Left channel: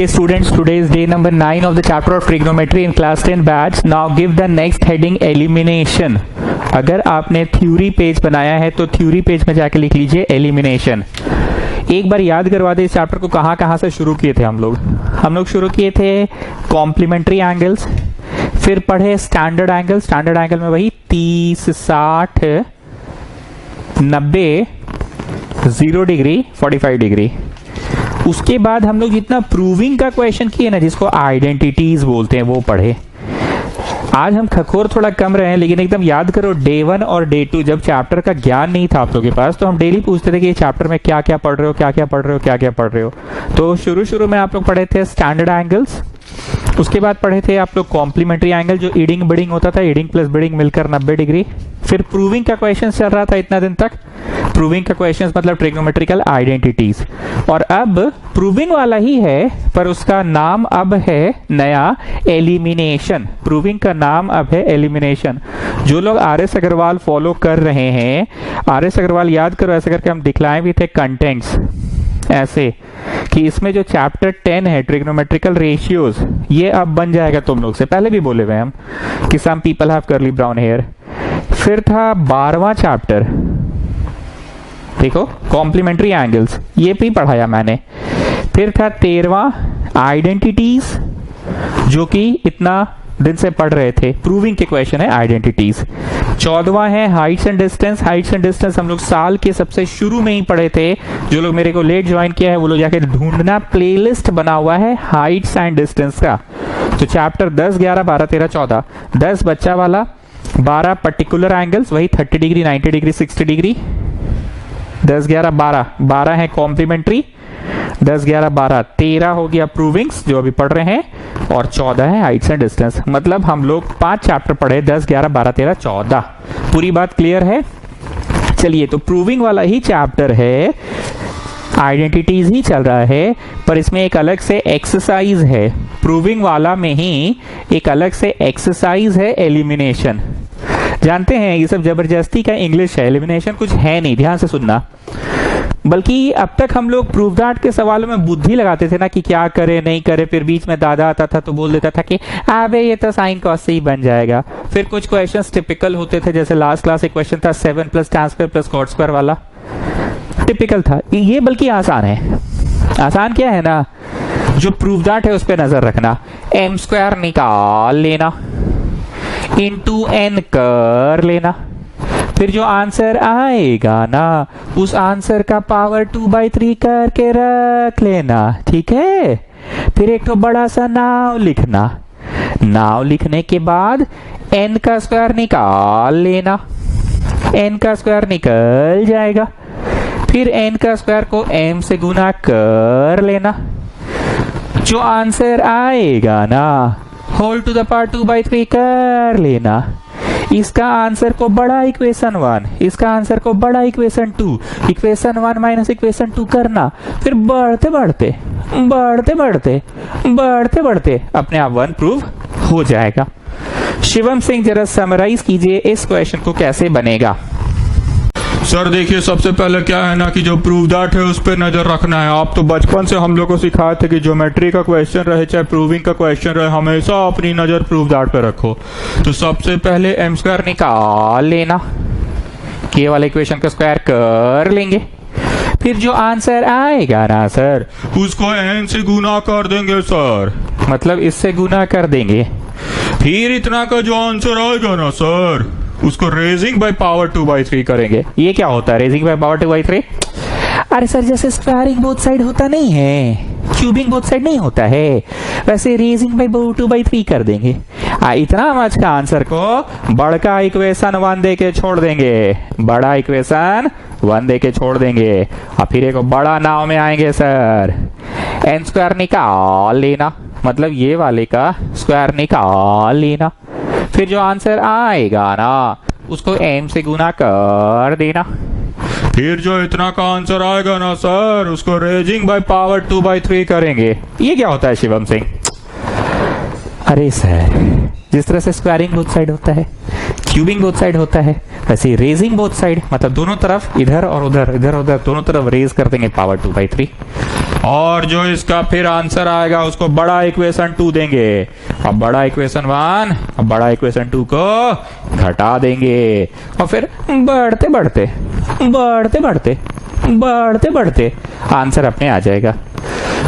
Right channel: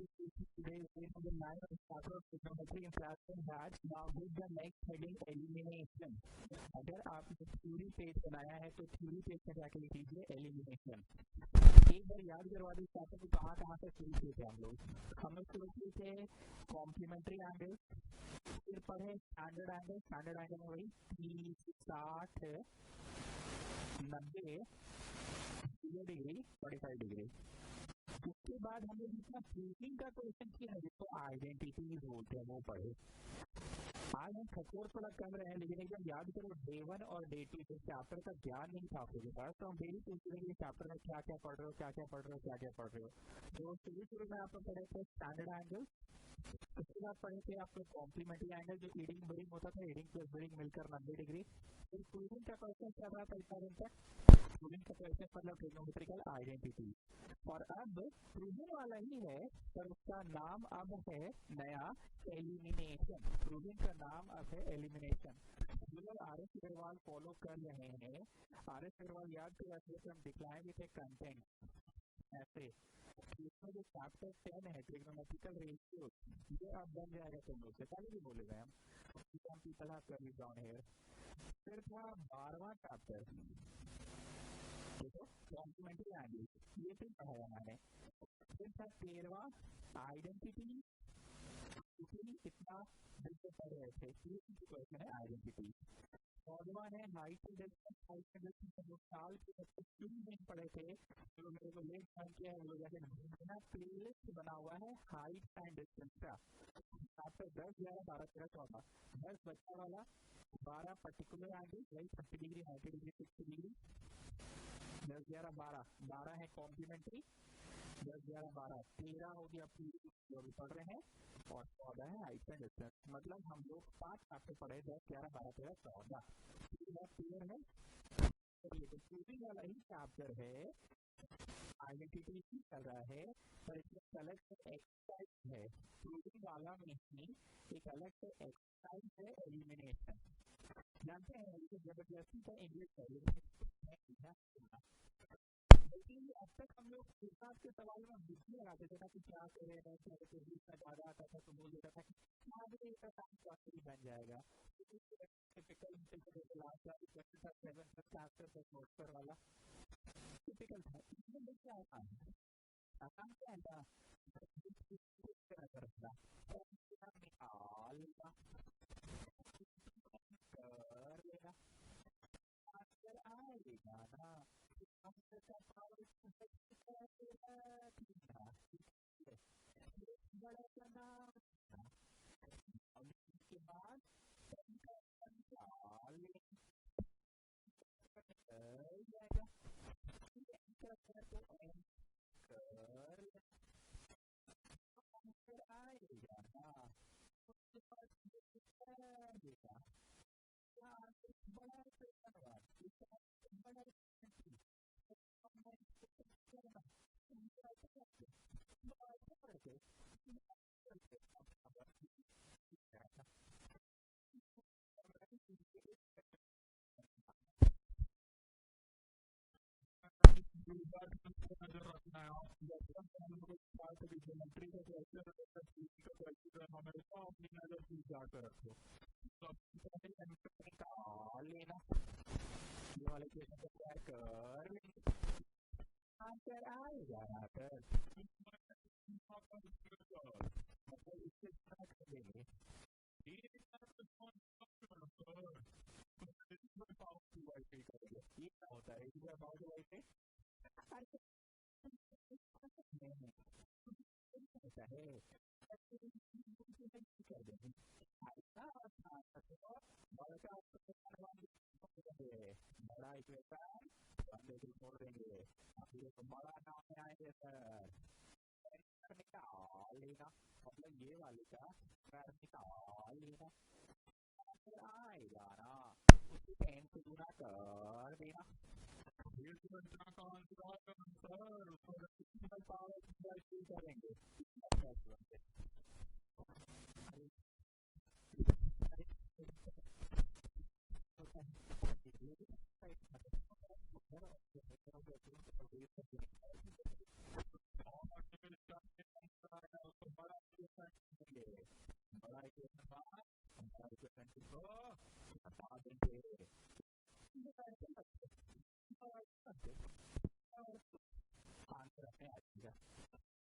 Okay students, today is day number 9 of the chapter of trigonometry in class 10 batch. Now give the next heading elimination. अगर आपने theory page बनाया है तो theory page में जाके लिख लीजिए एलिमिनेशन। एक बार याद करवा दे इस चैप्टर को कहाँ से शुरू किए थे हम लोग शुरू किए थे कॉम्प्लीमेंट्री एंगल्स, फिर पढ़े स्टैंडर्ड एंगल। स्टैंडर्ड एंगल में वही 30, 60, 90, 0 डिग्री, 45 डिग्री। उसके बाद हम लोग जितना प्रूविंग का क्वेश्चन किए ना, जिसको आइडेंटिटीज बोलते हैं, वो पढ़े। आज हम खखोर थोड़ा कम रहे हैं, लेकिन एकदम याद करो डे 1 और डे 2 जब चैप्टर का ज्ञान नहीं था आप लोगों के पास, तो हम डेली पूछते थे कि चैप्टर में क्या क्या पढ़ रहे हो, क्या क्या पढ़ रहे हो, क्या क्या पढ़ रहे हो। तो शुरू में आप लोग पढ़े थे स्टैंडर्ड एंगल्स, उसके बाद पढ़े थे आप लोग कॉम्प्लीमेंट्री एंगल जो ईडिंग बिडिंग होता था, ईडिंग प्लस बिडिंग मिलकर 90 डिग्री। फिर प्रूविंग का क्वेश्चन चल रहा था इतना दिन तक, प्रूविंग का क्वेश्चन मतलब ट्रिग्नोमेट्रिकल आइडेंटिटीज। और अब प्रूविंग वाला ही है पर उसका नाम अब है नया एलिमिनेशन। प्रूविंग का नाम अब है एलिमिनेशन। जो लोग आर.एस. अग्रवाल फॉलो कर रहे हैं, आर.एस. अग्रवाल याद करो, ऐसे करके हम दिखलाए भी थे कंटेंट्स ऐसे कि इसमें जो चैप्टर 10 है ट्रिग्नोमेट्रिकल रेशियोज, ये अब बन जाएगा तुम लोग से। पहले भी बोले हुए हम कि some people have curly brown hair. फिर था 12वां चैप्टर, देखो कॉम्प्लीमेंट्री एंगल्स, ये भी पढ़ाया मैंने। फिर था 13वां आइडेंटिटीज, जो कि इतना दिन से पढ़ रहे थे, प्रूविंग के क्वेश्चन है आइडेंटिटीज। 14वां है Heights and distance. Heights and distance हम लोग साल के सबसे शुरू में ही पढ़े थे। जो लोग मेरे को लेट ज्वाइन किया है वो लोग जाके ढूंढना, प्लेलिस्ट बना हुआ है हाइट्स एंड डिस्टेंस का। तो चैप्टर 10, 11, 12, 13, 14, 10 बच्चा वाला, 12 पर्टिकुलर एंगल्स, वही 30 डिग्री, 90 डिग्री, 60 डिग्री। 10, 11, 12, 12 है कॉम्प्लीमेंट्री, 10, 11, 12, 13 हो गया प्रूविंग्स जो अभी पढ़ रहे हैं, और 14 है हाइट्स एंड डिस्टेंस। मतलब हम लोग 5 चैप्टर पढ़े, 10, 11, 12, 13, 14। पूरी बात क्लियर है? चलिए, तो प्रूविंग वाला ही चैप्टर है, आइडेंटिटीज ही चल रहा है, पर इसमें एक अलग से एक्सरसाइज है। प्रूविंग वाला में ही एक अलग से एक्सरसाइज है एलिमिनेशन। जानते हैं ये सब जबरदस्ती का इंग्लिश है, एलिमिनेशन कुछ है नहीं, ध्यान से सुनना। बल्कि अब तक हम लोग प्रूफ दैट के सवालों में बुद्धि लगाते थे ना कि क्या करे नहीं करे, फिर बीच में दादा आता था तो बोल देता था कि अबे ये तो साइन कॉस से ही बन जाएगा। फिर कुछ क्वेश्चंस टिपिकल होते थे, जैसे लास्ट क्लास एक क्वेश्चन था 7 + tan स्क्वायर + cot स्क्वायर वाला, टिपिकल था ये। बल्कि आसान है। आसान क्या है ना, जो प्रूफ दैट है उस पर नजर रखना, m² निकाल लेना, इंटू n कर लेना, फिर जो आंसर आएगा ना उस आंसर का पावर 2/3 करके रख लेना, ठीक है। फिर एक तो बड़ा सा नाव लिखना, नाव लिखने के बाद n का स्क्वायर निकाल लेना, n का स्क्वायर निकल जाएगा। फिर n का स्क्वायर को m से गुना कर लेना, जो आंसर आएगा ना होल टू द पावर 2/3 कर लेना। इसका आंसर को बड़ा इक्वेशन 1, इसका आंसर को बड़ा इक्वेशन 2, इक्वेशन 1 माइनस इक्वेशन 2 करना। फिर बढ़ते बढ़ते बढ़ते बढ़ते बढ़ते बढ़ते अपने आप 1 प्रूव हो जाएगा। शिवम सिंह जरा समराइज कीजिए इस क्वेश्चन को कैसे बनेगा। सर देखिए, सबसे पहले क्या है ना कि जो प्रूव दैट है उस पर नजर रखना है। आप तो बचपन से हम लोग को सिखाए थे कि ज्योमेट्री का क्वेश्चन रहे चाहे प्रूविंग का क्वेश्चन रहे, हमेशा अपनी नजर प्रूव दैट पे रखो। तो सबसे पहले m² निकाल लेना, के वाले इक्वेशन का स्क्वायर कर लेंगे। फिर जो आंसर आएगा ना सर उसको n से गुना कर देंगे सर, मतलब इससे गुना कर देंगे। फिर इतना का जो आंसर आएगा ना सर उसको रेजिंग बाय पावर 2/3 करेंगे। ये क्या होता है रेजिंग बाय पावर 2/3? अरे सर जैसे स्क्वायरिंग बोथ साइड होता नहीं है, क्यूबिंग बोथ साइड नहीं होता है, वैसे रेजिंग बाय 2/3 कर देंगे। इतना मच का आंसर को बड़ा इक्वेशन 1 दे के छोड़ देंगे, बड़ा इक्वेशन 1 दे के छोड़ देंगे। और फिर एक बड़ा नाव में आएंगे सर, n² निकाल लेना, मतलब ये वाले का स्क्वायर निकाल लेना। फिर जो आंसर आएगा ना उसको m से गुना कर देना। फिर जो इतना का आंसर आएगा ना सर उसको रेजिंग बाय पावर 2/3 करेंगे। ये क्या होता है शिवम सिंह? अरे सर जिस तरह से स्क्वायरिंग बोथ साइड होता है, क्यूबिंग बोथ साइड होता है, वैसे रेजिंग बोथ साइड, मतलब दोनों तरफ इधर और उधर, इधर उधर दोनों तरफ रेज कर देंगे पावर 2/3। और जो इसका फिर आंसर आएगा उसको बड़ा इक्वेशन 2 देंगे, अब बड़ा इक्वेशन 1 अब बड़ा इक्वेशन 2 को घटा देंगे, और फिर बढ़ते बढ़ते बढ़ते बढ़ते बढ़ते बढ़ते आंसर अपने आ जाएगा।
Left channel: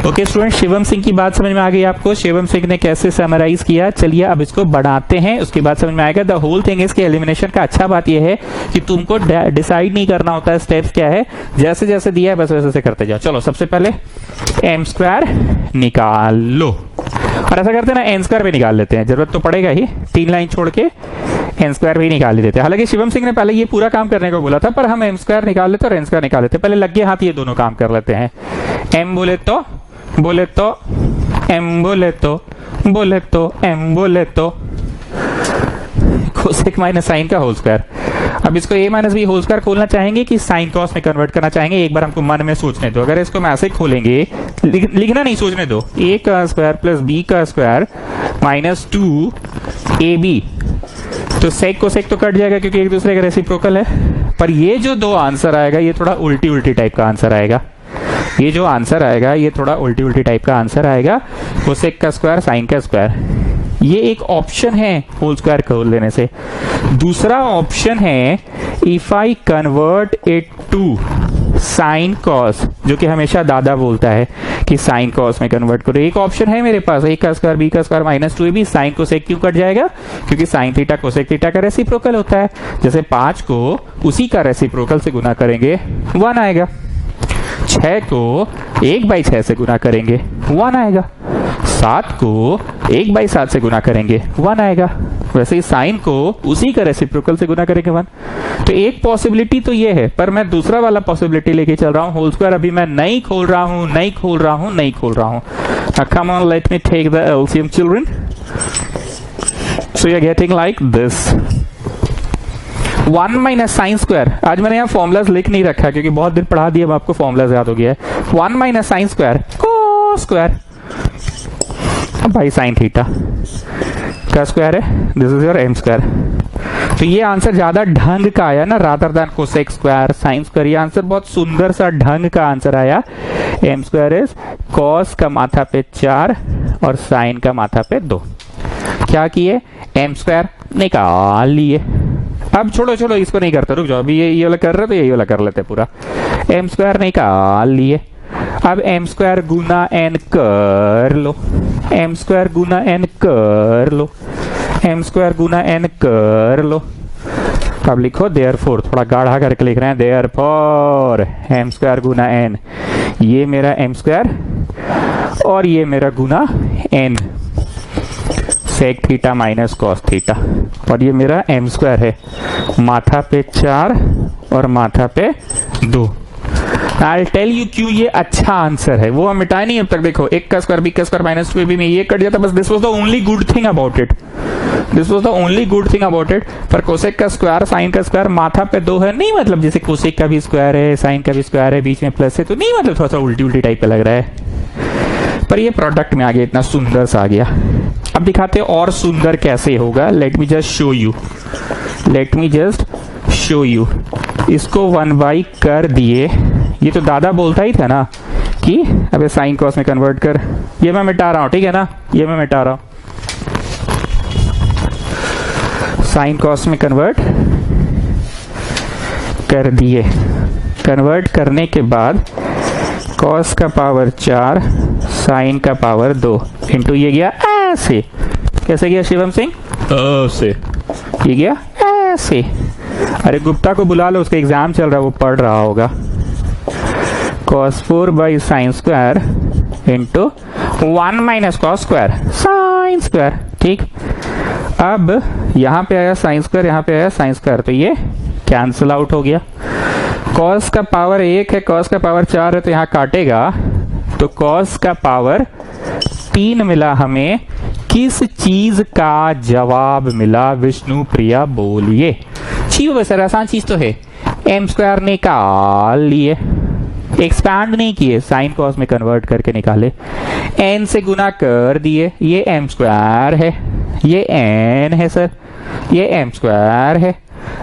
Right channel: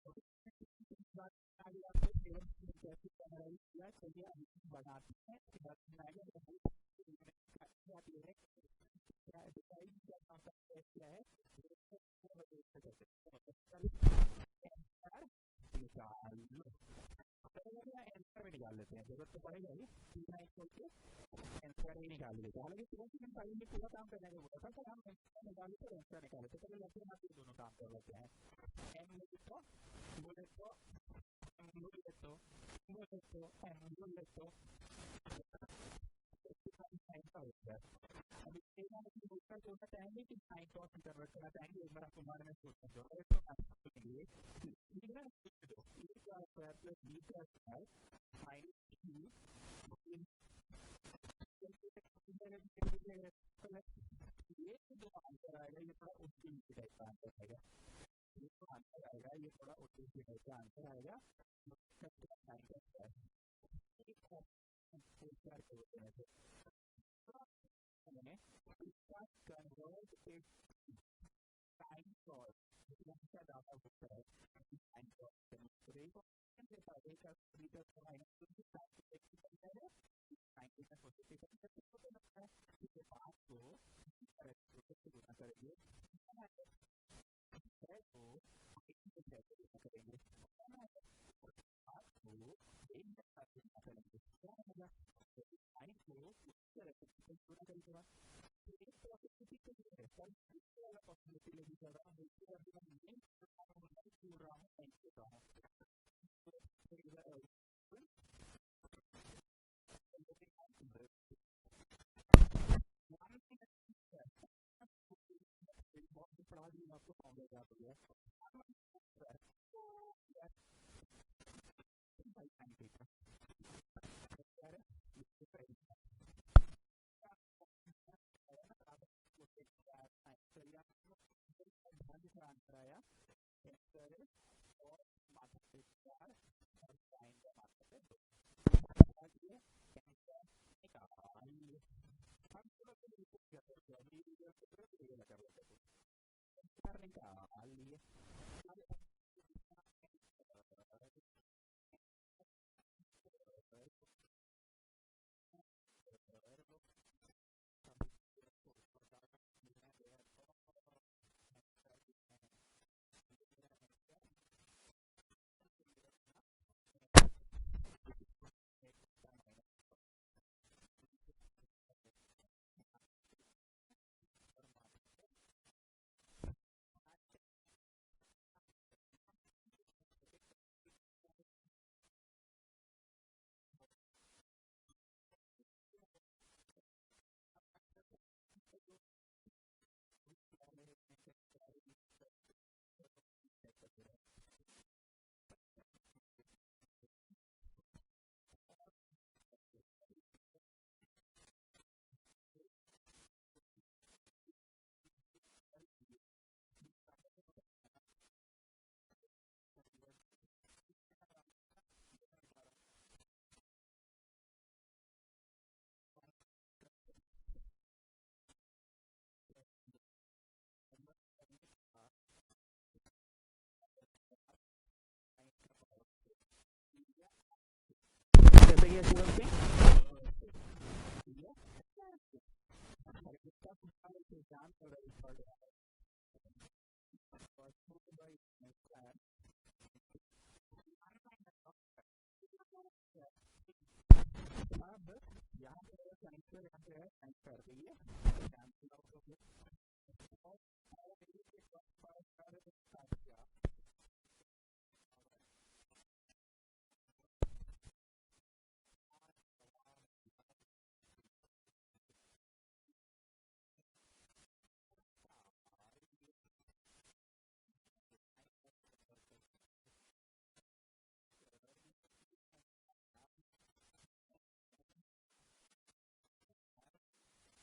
ओके स्टूडेंट, शिवम सिंह की बात समझ में आ गई आपको? शिवम सिंह ने कैसे समराइज किया? चलिए अब इसको बढ़ाते हैं, उसके बाद समझ में आएगा। द होल थिंग इसके एलिमिनेशन का अच्छा बात यह है कि तुमको डिसाइड नहीं करना होता है स्टेप्स क्या है, जैसे जैसे दिया है बस वैसे करते जाओ। चलो सबसे पहले एम स्क्वायर निकाल लो, और ऐसा करते हैं ना एन स्क्वायर भी निकाल लेते हैं, जरूरत तो पड़ेगा ही, 3 लाइन छोड़ के एन स्क्वायर भी निकाल ही देते हैं। हालांकि शिवम सिंह ने पहले ये पूरा काम करने को बोला था, पर हम एम स्क्वायर निकाल लेते और एन स्क्वायर निकाल लेते। पहले लगे हाथ ये दोनों काम कर लेते हैं। एम बोले तो एम बोले तो एम बोले तो कोसेक माइनस साइन का होल स्क्वायर। अब इसको a minus B whole square खोलना चाहेंगे कि साइन कॉस में कन्वर्ट करना चाहेंगे, एक बार हमको मन में सोचने दो। अगर इसको हम ऐसे खोलेंगे, लिखना नहीं, सोचने दो, a का स्क्वायर प्लस b का स्क्वायर माइनस 2ab, तो सेक को सेक तो कट जाएगा क्योंकि एक दूसरे का रेसिप्रोकल है। पर ये जो दो आंसर आएगा ये थोड़ा उल्टी उल्टी टाइप का आंसर आएगा। ये जो आंसर आएगा ये थोड़ा उल्टी उल्टी टाइप का आंसर आएगा, कोसेक का स्क्वायर साइन का स्क्वायर। ये एक ऑप्शन है होल स्क्वायर खोल लेने से। दूसरा ऑप्शन है if I convert it to sine cos, जो कि हमेशा दादा बोलता है कि साइन कॉस में कन्वर्ट करो। एक ऑप्शन है मेरे पास, a का स्क्वायर b का square minus 2ab, sine cosec क्यों कट जाएगा? क्योंकि साइन थीटा कोसेक थीटा का रेसिप्रोकल होता है। जैसे 5 को उसी का रेसिप्रोकल से गुना करेंगे 1 आएगा, 6 को 1/6 से गुना करेंगे 1 आएगा, 7 को 1/7 से गुना करेंगे 1 आएगा। वैसे ही साइन को उसी का रेसिप्रोकल से गुना करेंगे 1। तो एक पॉसिबिलिटी तो ये है, पर मैं दूसरा वाला पॉसिबिलिटी लेके चल रहा हूँ। होल स्क्वायर अभी मैं नहीं खोल रहा हूँ, नहीं खोल रहा हूँ, नहीं खोल रहा हूँ। Come on, let me take the LCM children. So you are getting like this 1 minus sine square. आज मैंने यहाँ फॉर्मुलाज लिख नहीं रखा क्योंकि बहुत दिन पढ़ा दिया, अब आपको फॉर्मुलाज याद हो गया है। 1 माइनस साइन स्क्वायर को स्क्वायर बाई साइन थीटा का स्क्वायर है, this is your m square. तो ये आंसर ज्यादा ढंग का आया ना, rather than cosec square sine square. ये आंसर बहुत सुंदर सा ढंग का आंसर आया। एम स्क्वायर इज कॉस का माथा पे 4 और साइन का माथा पे 2। क्या किए? एम स्क्वायर निकाल लिए। अब छोड़ो छोड़ो, इसको नहीं करते, रुक जाओ, अभी ये वाला कर रहे तो यही वाला कर लेते पूरा। एम स्क्वायर निकाल लिए। अब एम स्क्वायर गुना एन कर लो, एम स्क्वायर गुना एन कर लो, एम स्क्वायर गुना एन कर लो। अब लिखो देयरफॉर, थोड़ा गाढ़ा करके लिख रहे हैं, देयरफॉर एम स्क्वायर गुना एन, ये मेरा एम स्क्वायर और ये मेरा गुना N, sec theta minus cos theta, और ये मेरा एम स्क्वायर है, माथा पे 4 और माथा पे 2। I'll tell you क्यों ये अच्छा आंसर है, वो हम मिटाए नहीं अब तक। देखो, एक का स्क्वायर बी का स्क्वायर माइनस 2ab में ये कट जाता, बस this was the only good thing about it, this was the only good thing about it. पर कोसेक का स्क्वायर साइन का स्क्वायर माथा पे 2 है, नहीं मतलब जैसे कोसेक का भी स्क्वायर है साइन का भी स्क्वायर है, बीच में प्लस है, तो नहीं मतलब थोड़ा सा उल्टी उल्टी टाइप का लग रहा है। पर ये प्रोडक्ट में आ गया, इतना सुंदर सा आ गया। अब दिखाते हैं और सुंदर कैसे होगा। Let me just show you, let me just show you. इसको 1 कर दिए, ये तो दादा बोलता ही था ना कि अबे साइन कॉस में कन्वर्ट कर। ये मैं मिटा रहा हूं, ठीक है ना, ये मैं मिटा रहा हूं। साइन कॉस में कन्वर्ट कर दिए। कन्वर्ट करने के बाद कॉस का पावर 4 साइन का पावर 2 इंटू ये गया ऐसे। कैसे गया शिवम सिंह? ऐसे। ये गया ऐसे। अरे गुप्ता को बुला लो, उसका एग्जाम चल रहा है, वो पढ़ रहा होगा। cos 4 by sine square into 1 minus cos square sine square. ठीक, अब यहां पे आया साइन स्क्वायर, यहां पे आया साइन स्क्वायर, तो ये कैंसिल आउट हो गया। cos का पावर 1 है, cos का पावर 4 है, तो यहां काटेगा, तो cos का पावर 3 मिला हमें। किस चीज का जवाब मिला? विष्णु प्रिया बोलिए। ठीक है, आसान चीज तो है। एम स्क्वायर निकाल लिए, एक्सपैंड नहीं किए, साइन कॉस में कन्वर्ट करके निकाले। एन से गुना कर दिए, ये एम स्क्वायर है, ये एन है सर, ये एम स्क्वायर है,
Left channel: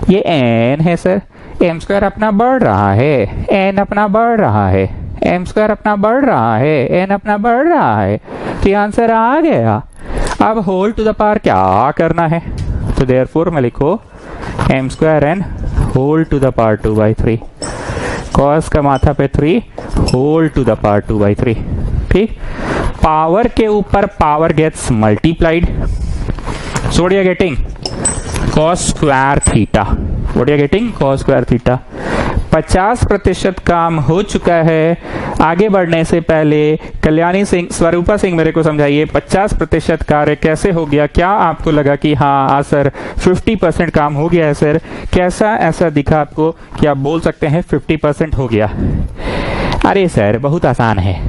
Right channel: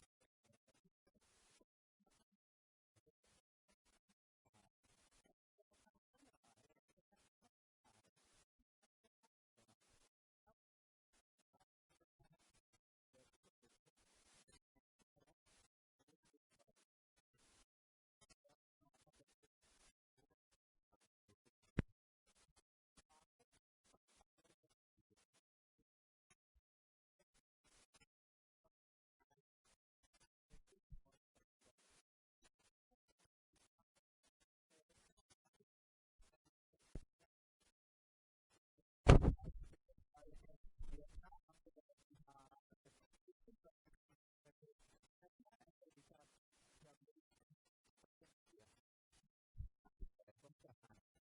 ये एन है सर। एम स्क्वायर अपना बढ़ रहा है, एन अपना बढ़ रहा है, एम स्क्वायर अपना बढ़ रहा है, एन अपना बढ़ रहा है। तो ये आंसर आ गया। अब होल टू द पावर क्या करना है, तो देयरफॉर मैं लिखो m square n whole to the power 2/3, cos का माथा पे 3 होल टू द पावर 2/3। ठीक, पावर के ऊपर power gets multiplied, so what you are getting cos square theta, what you are getting cos square theta. 50% काम हो चुका है। आगे बढ़ने से पहले कल्याणी सिंह, स्वरूपा सिंह मेरे को समझाइए 50% कार्य कैसे हो गया। क्या आपको लगा कि हाँ सर 50% काम हो गया है सर, कैसा ऐसा दिखा आपको कि आप बोल सकते हैं 50% हो गया। अरे सर बहुत आसान है।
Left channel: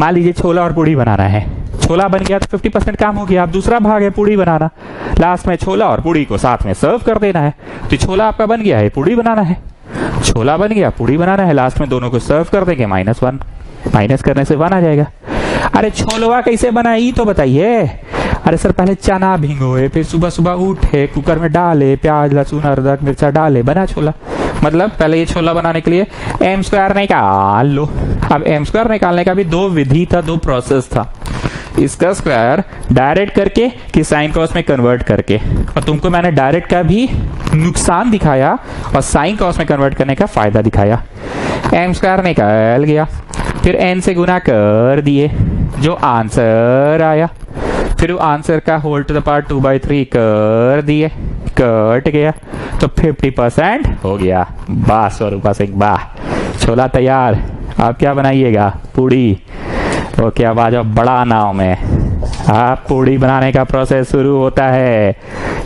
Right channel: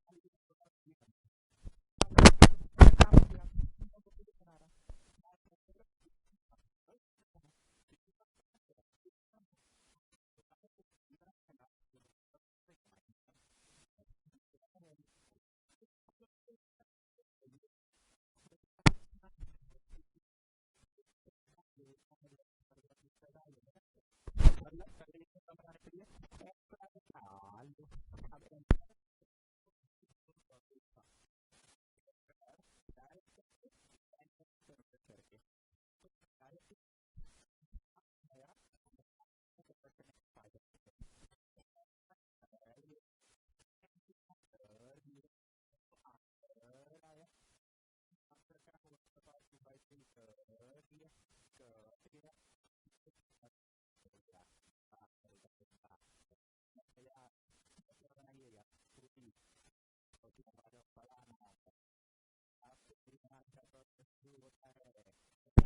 मान लीजिए छोला और पूड़ी बनाना है, छोला बन गया तो 50% काम हो गया। अब दूसरा भाग है पूड़ी बनाना, लास्ट में छोला और पूड़ी को साथ में सर्व कर देना है। तो छोला आपका बन गया है, पूड़ी बनाना है, छोला बन गया, पूड़ी बनाना है, लास्ट में दोनों को सर्व कर देंगे। -1, माइनस करने से 1 आ जाएगा। अरे छोलवा कैसे बना ये तो बताइए। अरे सर पहले चना भिगोए, फिर सुबह सुबह उठे, कुकर में डाले, प्याज लहसुन अदरक मिर्चा डाले, बना छोला। मतलब पहले ये छोला बनाने के लिए एम स्क्वायर निकाल लो। अब एम स्क्वायर निकालने का भी 2 विधि था, 2 प्रोसेस था। इसका स्क्वायर डायरेक्ट करके कि साइन कॉस में कन्वर्ट करके, और तुमको मैंने डायरेक्ट का भी नुकसान दिखाया और साइन कॉस में कन्वर्ट करने का फायदा दिखाया। एम स्क्वायर निकल गया, फिर एन से गुना कर दिए, जो आंसर आया, फिर वो आंसर का होल टू द पावर 2/3 कर दिए, कट गया, तो 50% हो गया। वाह स्वरूपा सिंह वाह, छोला तैयार। आप क्या बनाइएगा, पूड़ी। ओके अब आ जाओ बड़ा नाव में। आप पूड़ी बनाने का प्रोसेस शुरू होता है।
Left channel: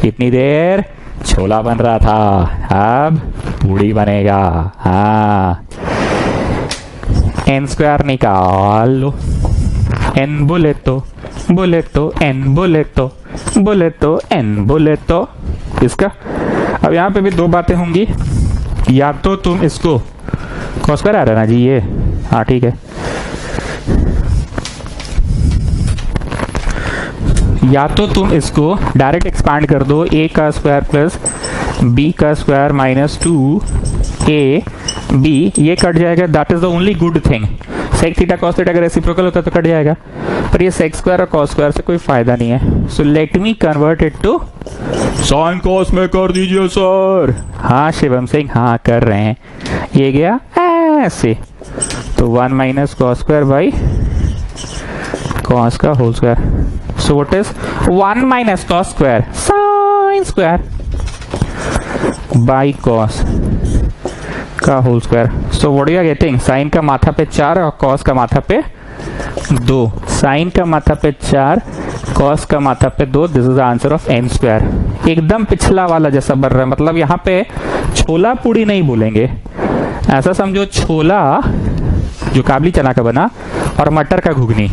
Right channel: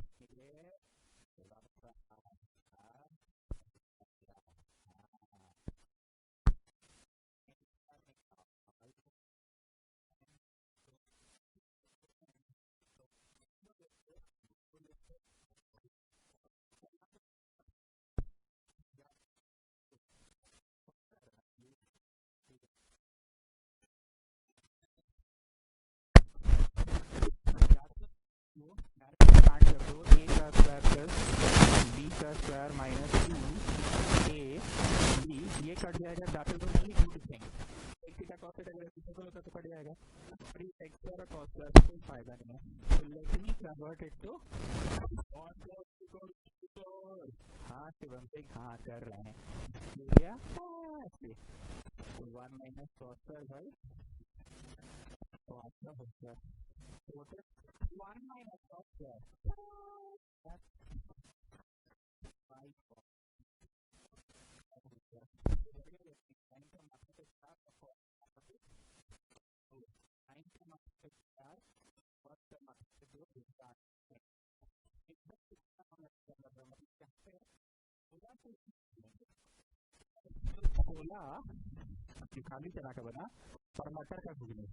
इतनी देर छोला बन रहा था, अब पूड़ी बनेगा। हाँ, एन स्क्वायर निकाल लो, एन बोले तो एन बोले तो एन बोले तो इसका। अब यहाँ पे भी 2 बातें होंगी, या तो तुम इसको कॉस स्क्वायर आ रहा है ना जी ये, हाँ ठीक है, या तो तुम इसको डायरेक्ट एक्सपांड कर दो, a का स्क्वायर प्लस b का स्क्वायर -2a b, ये कट जाएगा। That is the only good thing. Sec theta cos theta अगर रेसिप्रोकल होता तो कट जाएगा, पर ये सेक स्क्वायर और कॉस स्क्वायर से कोई फायदा नहीं है। So let me convert it to sine cos में कर दीजिए सर। हाँ शिवम सिंह, हाँ कर रहे हैं। ये गया ऐसे, तो 1 - कॉस स्क्वायर बाई कॉस का whole square. So what is 1 - cos square sin square by cos का whole square. So what you are getting, sin का माथा पे 4 और cos का माथा पे 2, sin का माथा पे 4, cos का माथा पे 2। This is the answer of n square. एकदम पिछला वाला जैसा बन रहा है, मतलब यहाँ पे छोला पूड़ी नहीं बोलेंगे, ऐसा समझो छोला जो काबली चना का बना और मटर का घुगनी।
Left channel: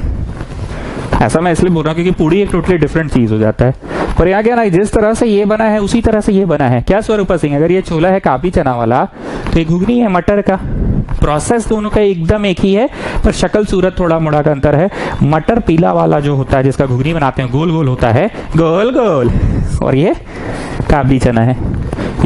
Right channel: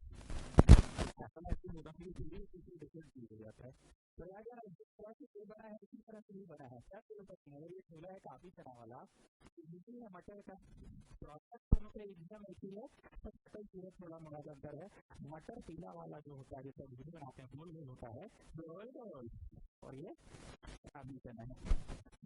ऐसा मैं इसलिए बोल रहा हूँ क्योंकि पूड़ी एक टोटली डिफरेंट चीज हो जाता है। पर यहाँ क्या ना, जिस तरह से ये बना है उसी तरह से ये बना है। क्या स्वरूपा सिंह, अगर ये छोला है काबली चना वाला तो ये घुगनी है मटर का। प्रोसेस दोनों का एकदम एक ही है, पर शक्ल सूरत थोड़ा मोड़ा का अंतर है। मटर पीला वाला जो होता है जिसका घुगनी बनाते हैं, गोल गोल होता है, गोल गोल, और ये काबली चना है।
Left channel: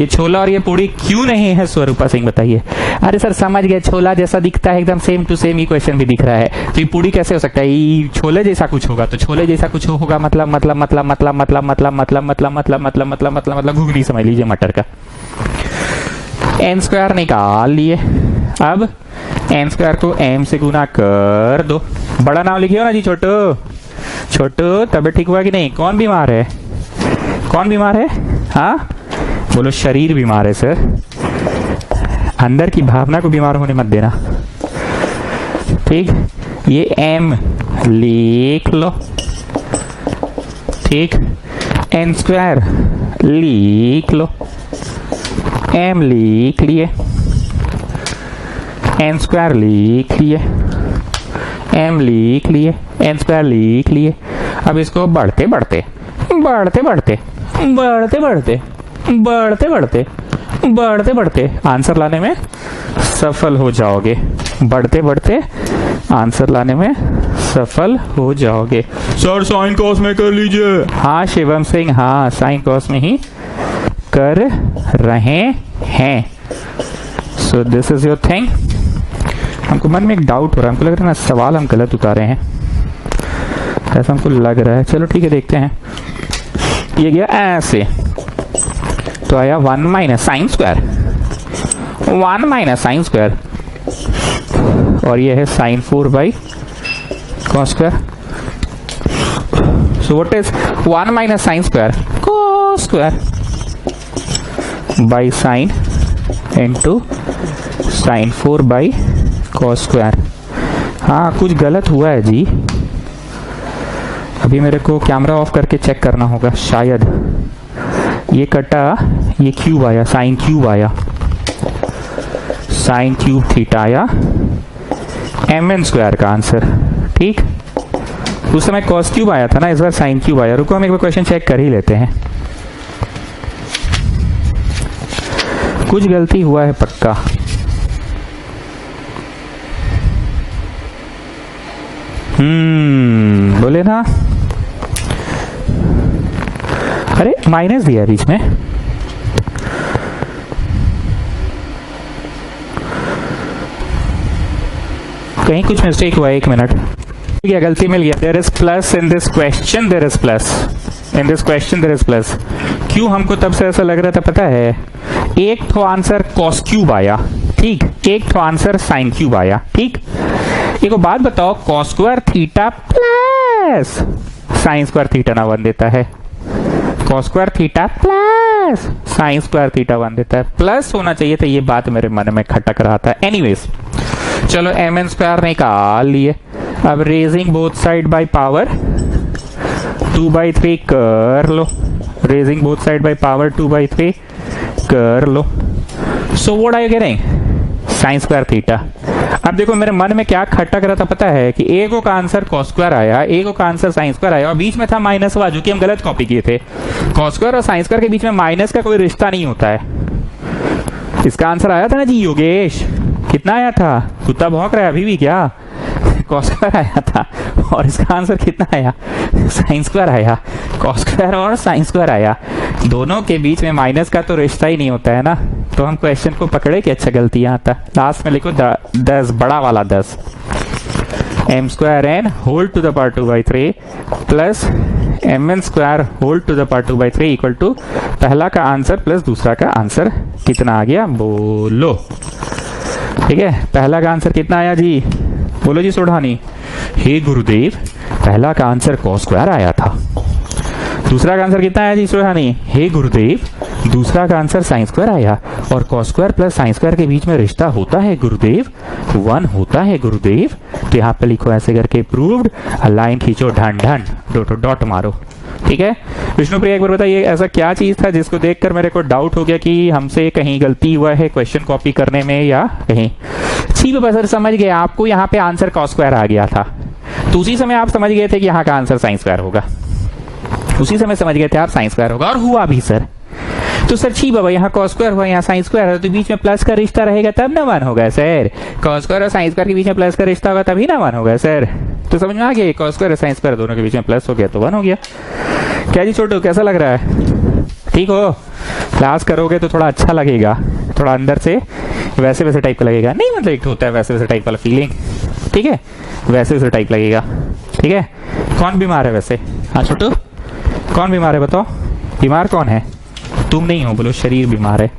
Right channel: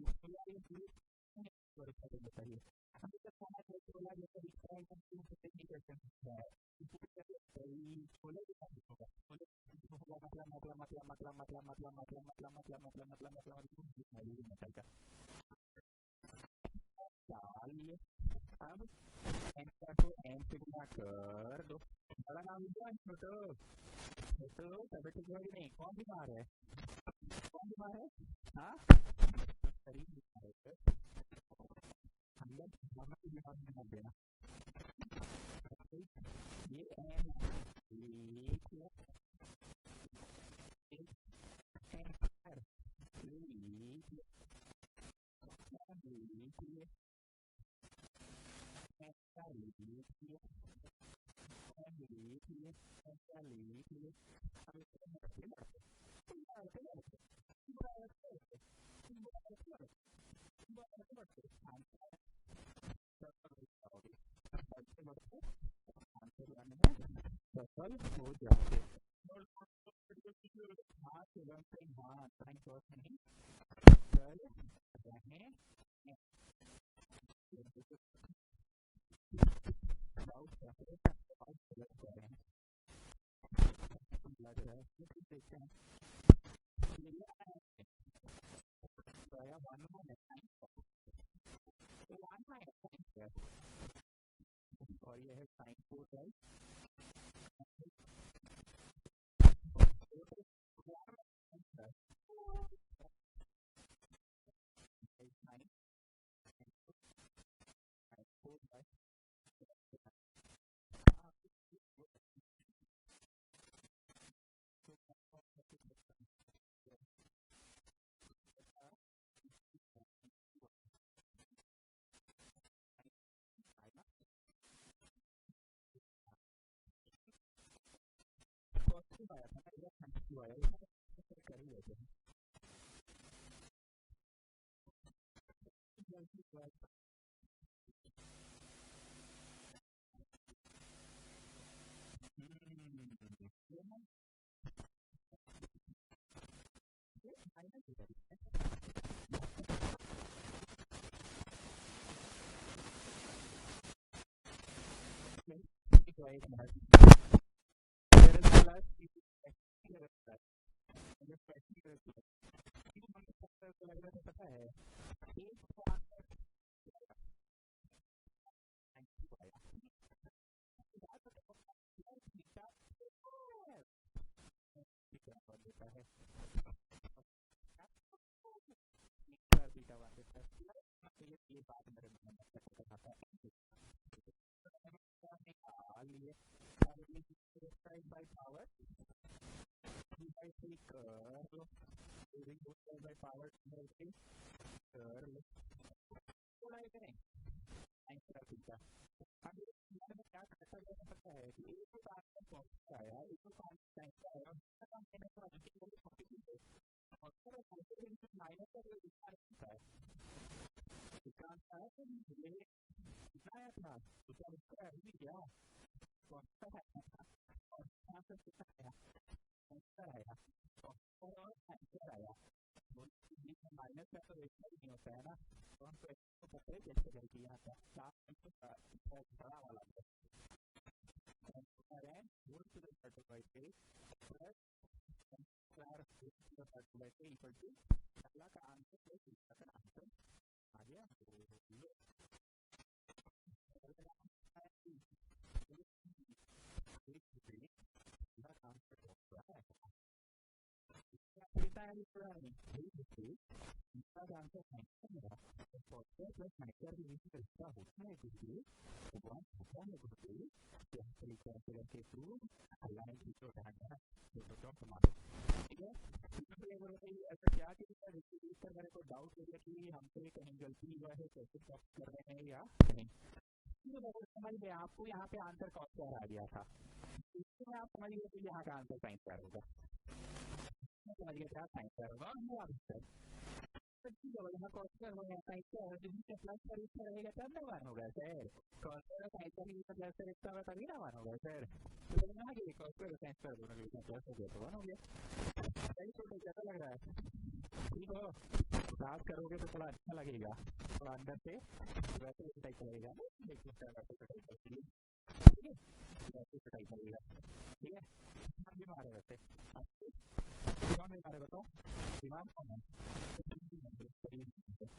ये छोला और ये पूड़ी क्यों नहीं है स्वरूपा सिंह बताइए। अरे सर समझ गए, छोला जैसा दिखता है एकदम सेम टू सेम, ही क्वेश्चन भी दिख रहा है, तो ये पूड़ी कैसे हो सकता है। ये छोले जैसा कुछ होगा, तो छोले जैसा कुछ होगा मतलब घुगनी समझ लीजिए मटर का। एन स्क्वायर निकाल लिए। अब एन स्क्वायर को एम से गुना कर दो। बड़ा नाम लिखिए ना जी, छोटू छोटू। तबियत ठीक हुआ कि नहीं? कौन बीमार है, कौन बीमार है? हाँ बोलो, शरीर बीमार है सर, अंदर की भावना को बीमार होने मत देना। ठीक, ये एम लिख लो, ठीक, एन स्क्वायर लिख लो, एम लिख लिए, एन स्क्वायर लिख लिए, एम लिख लिए, एन स्क्वायर लिख लिए। अब इसको बढ़ते बढ़ते बढ़ते बढ़ते बढ़ते बढ़ते बढ़ते बढ़ते बढ़ते बढ़ते आंसर लाने में सफल हो जाओगे। बढ़ते बढ़ते आंसर लाने में सफल हो जाओगे। सर साइन कॉस में कर लीजिए। हाँ शिवम सिंह, हाँ साइन कॉस में ही कर रहे हैं। So this is your thing. हमको मन में एक डाउट हो रहा है, हमको लग रहा है ना सवाल हम गलत उतारे हैं, ऐसा हमको लग रहा है। चलो ठीक है, देखते हैं। ये गया ऐसे, तो आया 1 minus sine square, 1 minus sine square, और ये है sine 4 by cos square. So what is 1 minus sine square cos square by sine into sine 4 by cos square. हाँ कुछ गलत हुआ है जी, अभी मेरे को कैमरा ऑफ करके चेक करना होगा शायद। ये कटा, ये क्यूब आया, साइन क्यूब आया, साइन क्यूब थीटा आया, mn स्क्वायर का आंसर। ठीक, उस समय कॉस क्यूब आया था ना, इस बार साइन क्यूब आया। रुको हम एक बार क्वेश्चन चेक कर ही लेते हैं, कुछ गलती हुआ है पक्का। बोले ना, अरे माइनस दिया बीच में। कहीं कुछ मिस्टेक हुआ है, 1 मिनट। क्या गलती मिल गया? There is plus in this question, there is plus in this question, there is plus. क्यों हमको तब से ऐसा लग रहा था पता है? एक तो आंसर कॉस क्यूब आया, ठीक, एक तो आंसर साइन क्यूब आया, ठीक। एक बात बताओ, cos square theta plus sine square theta ना 1 देता है? Cos square theta plus sine square theta 1 देता है, प्लस होना चाहिए था। ये बात मेरे मन में खटक रहा था। एनीवेज चलो mn स्क्वायर निकाल लिए। अब raising both side by power 2/3 कर लो, raising both side by power 2/3 कर लो। So what are you getting? Sine square theta. अब देखो मेरे मन में क्या खटक रहा था पता है कि एक का आंसर कॉस स्क्वायर आया, एक का आंसर साइन स्क्वायर आया, और बीच में था माइनस वाला, जो कि हम गलत कॉपी किए थे। कॉस स्क्वायर और साइन स्क्वायर के बीच में माइनस का कोई रिश्ता नहीं होता है। इसका आंसर आया था ना जी योगेश, कितना आया था? कुत्ता भौंक रहा है अभी भी क्या? कॉस स्क्वायर आया था, और इसका आंसर कितना आया? साइन स्क्वायर आया। कॉस स्क्वायर और साइन स्क्वायर आया, दोनों के बीच में माइनस का तो रिश्ता ही नहीं होता है ना। तो हम क्वेश्चन को पकड़े कि अच्छा गलती यहाँ था। लास्ट में लिखो 10, बड़ा वाला 10, m square n whole to the power 2/3 plus mn square whole to the power 2/3 equal to पहला का आंसर प्लस दूसरा का आंसर। कितना आ गया बोलो? ठीक है, पहला का आंसर कितना आया जी? बोलो जी सोढ़ानी। हे गुरुदेव, पहला का आंसर कॉस स्क्वायर आया था। दूसरा का आंसर कितना आया जी सोढ़ानी? हे गुरुदेव, दूसरा का आंसर साइन स्क्वायर आया, और cos square plus sine square के बीच में रिश्ता होता है गुरुदेव, 1 होता है गुरुदेव। तो यहाँ पे लिखो ऐसे करके प्रूव्ड, लाइन खींचो, ढन ढन, डॉट डॉट मारो। ठीक है, विष्णुप्रिया एक बार बताइए ऐसा क्या चीज था जिसको देखकर मेरे को डाउट हो गया कि हमसे कहीं गलती हुआ है क्वेश्चन कॉपी करने में, या कहीं ठीक है सर समझ गए। आपको यहाँ पे आंसर कॉस स्क्वायर आ गया था, तो उसी समय आप समझ गए थे कि यहाँ का आंसर साइन स्क्वायर होगा, उसी समय समझ गए थे आप साइन स्क्वायर होगा, और हुआ भी सर। तो सर छी बाबा, यहाँ कॉस स्क्वायर हुआ, यहाँ साइन स्क्वायर है, तो बीच में प्लस का रिश्ता रहेगा तब ना 1 होगा सर। कॉस स्क्वायर और साइन स्क्वायर के बीच में प्लस का रिश्ता होगा तभी ना 1 होगा सर। तो समझ में आ गया, कॉस स्क्वायर और साइन स्क्वायर दोनों के बीच में प्लस हो गया तो 1 हो गया। क्या जी छोटू, कैसा लग रहा है? ठीक हो? क्लास करोगे तो थोड़ा अच्छा लगेगा, थोड़ा अंदर से वैसे वैसे टाइप का लगेगा, नहीं मतलब एक होता है वैसे वैसे टाइप वाला फीलिंग, ठीक है, वैसे वैसे टाइप लगेगा। ठीक है, कौन बीमार है वैसे? हाँ छोटू, कौन बीमार है बताओ? बीमार कौन है? तुम नहीं हो, बोलो शरीर बीमार है।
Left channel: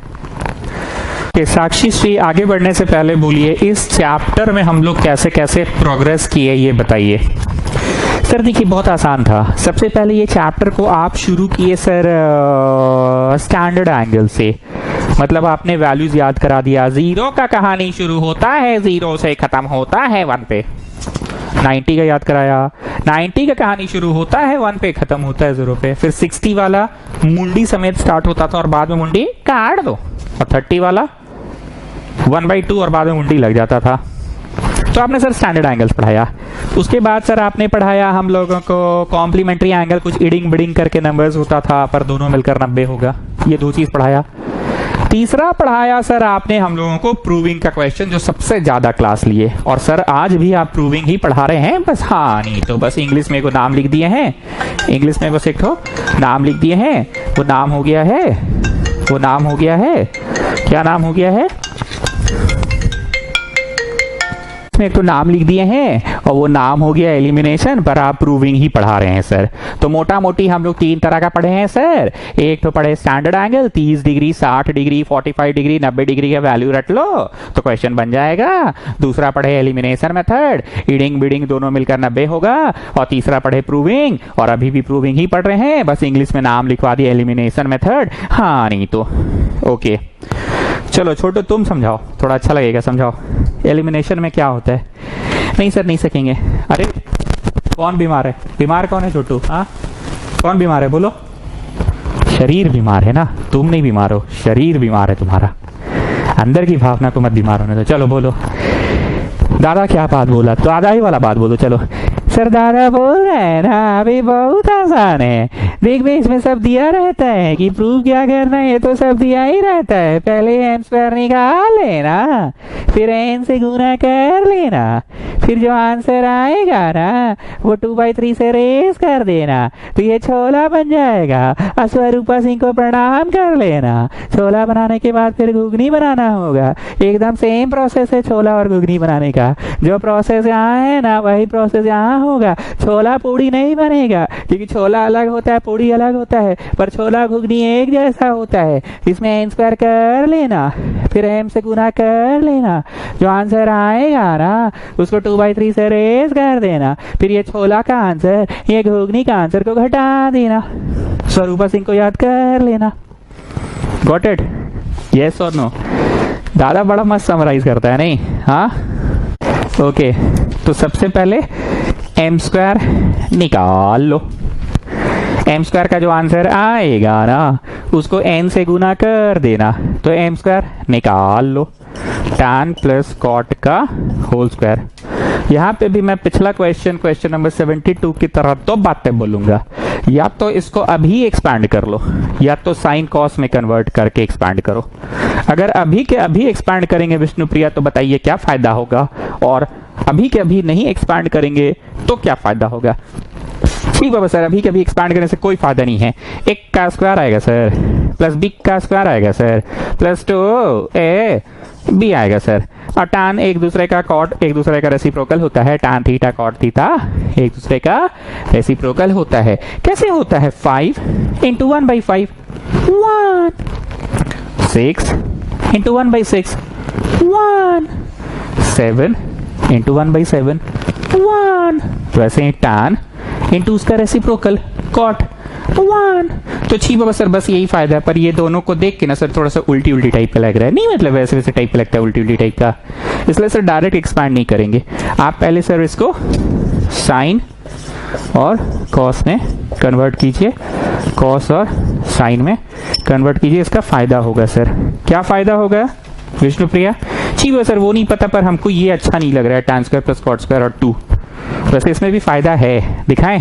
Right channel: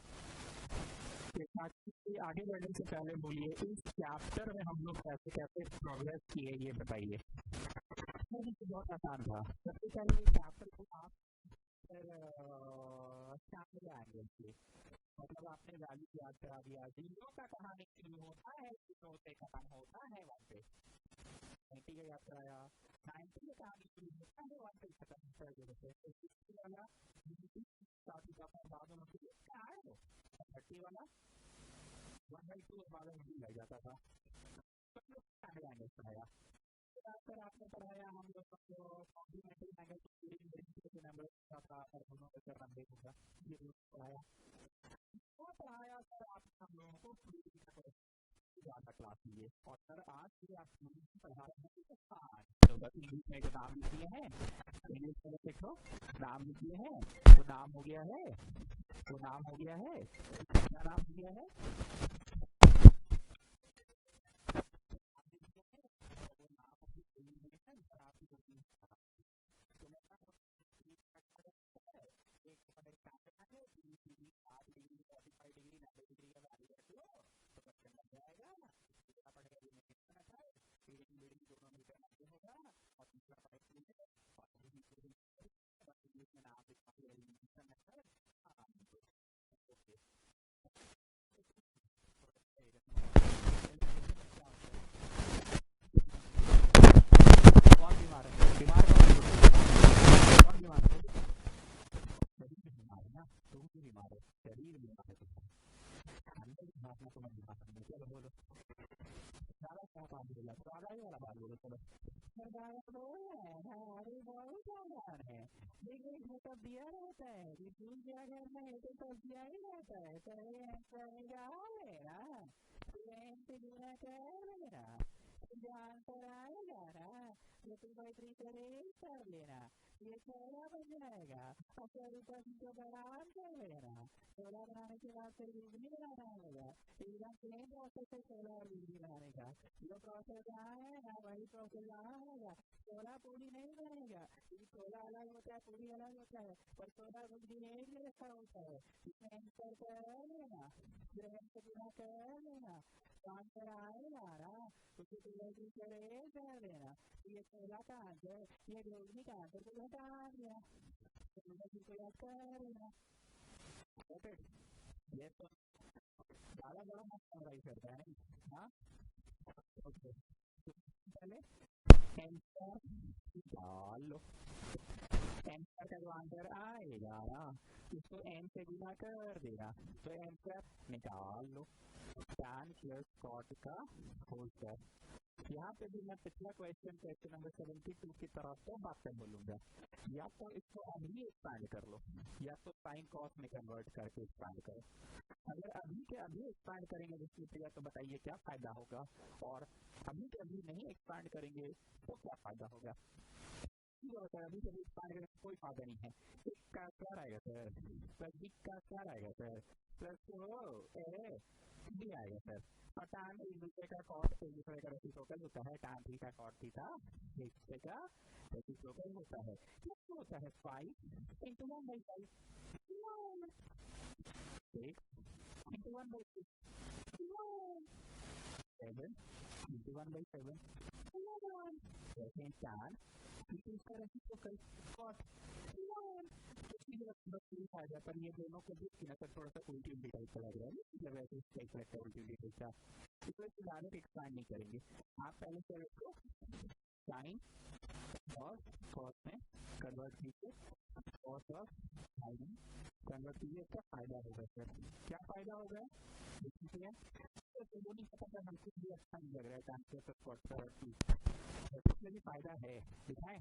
साक्षी श्री, आगे बढ़ने से पहले बोलिए इस चैप्टर में हम लोग कैसे कैसे प्रोग्रेस किए ये बताइए। सर देखिए बहुत आसान था। सबसे पहले ये चैप्टर को आप शुरू किए सर स्टैंडर्ड एंगल से, मतलब आपने वैल्यूज याद करा दिया। 0 का कहानी शुरू होता है 0 से, खत्म होता है 1 पे। 90 का याद कराया, 90 का कहानी शुरू होता है 1 पे, खत्म होता है 0 पे। फिर 60 वाला मुंडी समेत स्टार्ट होता था और बाद में मुंडी काट दो, और 30 वाला 1/2 और बाद में मुंडी लग जाता था। तो आपने सर स्टैंडर्ड एंगल्स पढ़ाया। उसके बाद सर आपने पढ़ाया हम लोगों को कॉम्प्लीमेंट्री एंगल, कुछ इडिंग बिडिंग करके नंबर्स होता था पर दोनों मिलकर 90 होगा, ये 2 चीज पढ़ाया। तीसरा पढ़ाया सर आपने हम लोगों को प्रूविंग का क्वेश्चन, जो सबसे ज्यादा क्लास लिए। और सर आज भी आप प्रूविंग ही पढ़ा रहे हैं बस। हाँ नहीं तो बस इंग्लिश में को नाम लिख दिए हैं, इंग्लिश में बस एक ठो नाम लिख दिए हैं। वो नाम हो गया है, वो नाम हो गया है, क्या नाम हो गया है, एक तो नाम लिख दिए हैं और वो नाम हो गया एलिमिनेशन, पर आप प्रूविंग ही पढ़ा रहे हैं सर। तो मोटा मोटी हम लोग 3 तरह का पढ़े हैं सर। एक तो पढ़े standard angle, 30 degree, 60 degree, 45 degree, 90 degree का वैल्यू रट लो तो क्वेश्चन बन जाएगा। दूसरा पढ़े एलिमिनेशन मेथड, ईडिंग बीडिंग दोनों मिलकर 90 होगा। और तीसरा पढ़े प्रूविंग, और अभी भी प्रूविंग ही पढ़ रहे हैं, बस इंग्लिश में नाम लिखवा दिया एलिमिनेशन मेथड। हाँ नहीं तो ओके चलो छोटू तुम समझाओ, थोड़ा अच्छा लगेगा, समझाओ एलिमिनेशन में क्या होता है। नहीं सर नहीं सकेंगे। अरे कौन बीमार है, बीमार कौन है छोटू? हाँ कौन बीमार है बोलो? शरीर बीमार है ना, तुम नहीं बीमार हो, शरीर बीमार है तुम्हारा। अंदर की भावना को मत बीमार होने दो। चलो बोलो दादा क्या बात बोला, तो दादा ही वाला बात बोलो। चलो सर दादा बोल रहे हैं ना अभी बहुत आसान है, देख भी इसमें सब दिया रहता है कि प्रूव क्या करना है, तो सब दिया ही रहता है। पहले एन स्क्वायर निकाल लेना, फिर एन से गुना कर लेना, फिर जो आंसर आएगा ना वो 2/3 से रेस कर देना, तो ये छोला बन जाएगा। स्वरूपा सिंह को प्रणाम कर लेना। छोला बनाने के बाद फिर घुगनी बनाना होगा। एकदम सेम प्रोसेस है छोला और घुगनी बनाने का। जो प्रोसेस यहाँ है ना वही प्रोसेस यहाँ होगा। छोला पूड़ी नहीं बनेगा क्योंकि छोला अलग होता है, पूड़ी अलग होता है, पर छोला घुगनी एक जैसा होता है। इसमें एन स्क्वायर कर लेना, फिर एम से गुना कर लेना, जो आंसर आएगा ना उसको 2/3 से रेस कर देना, फिर ये छोला का आंसर ये घुगनी का आंसर को घटा देना। स्वरूपा सिंह को याद कर लेना। Got it? यस और नो? दादा बड़ा मस्त समराइज करता है नहीं? हाँ ओके तो सबसे पहले एम स्क्वायर निकाल लो। एम स्क्वायर का जो आंसर आएगा ना उसको एन से गुना कर देना, तो एम स्क्वायर निकाल लो। tan प्लस कॉट का होल स्क्वायर। यहाँ पे भी मैं पिछला क्वेश्चन नंबर 72 की तरह तो बातें बोलूंगा। या तो इसको अभी एक्सपैंड कर लो, या तो साइन कॉस में कन्वर्ट करके एक्सपैंड करो। अगर अभी के अभी एक्सपैंड करेंगे विष्णुप्रिया तो बताइए क्या फायदा होगा, और अभी के अभी नहीं एक्सपैंड करेंगे तो क्या फायदा होगा? ठीक बाबा सर अभी के अभी एक्सपैंड करने से कोई फायदा नहीं है। एक का स्क्वायर आएगा सर, प्लस बी का स्क्वायर आएगा सर, प्लस 2a बी आएगा सर। और tan एक दूसरे का कॉट एक दूसरे का रेसिप्रोकल होता है। tan थीटा कॉट थीटा एक दूसरे का रेसिप्रोकल होता है। कैसे होता है? 5 इंटू 1/5 1, 6 इंटू 1/6 1, 7 इंटू 1/7 1। वैसे ही tan इंटू उसका रेसिप्रोकल कॉट 1। तो छी बाबा सर बस यही फायदा है, पर ये दोनों को देख के ना सर थोड़ा सा उल्टी उल्टी टाइप का लग रहा है। नहीं मतलब वैसे वैसे टाइप का लगता है, उल्टी उल्टी टाइप का, इसलिए सर डायरेक्ट एक्सपैंड नहीं करेंगे। आप पहले सर इसको साइन और कॉस में कन्वर्ट कीजिए, कॉस और साइन में कन्वर्ट कीजिए। इसका फायदा होगा सर। क्या फायदा होगा विष्णुप्रिया? ठीक है सर वो नहीं पता, पर हमको ये अच्छा नहीं लग रहा है tan square plus cot square और 2। वैसे इसमें भी फायदा है, दिखाएं?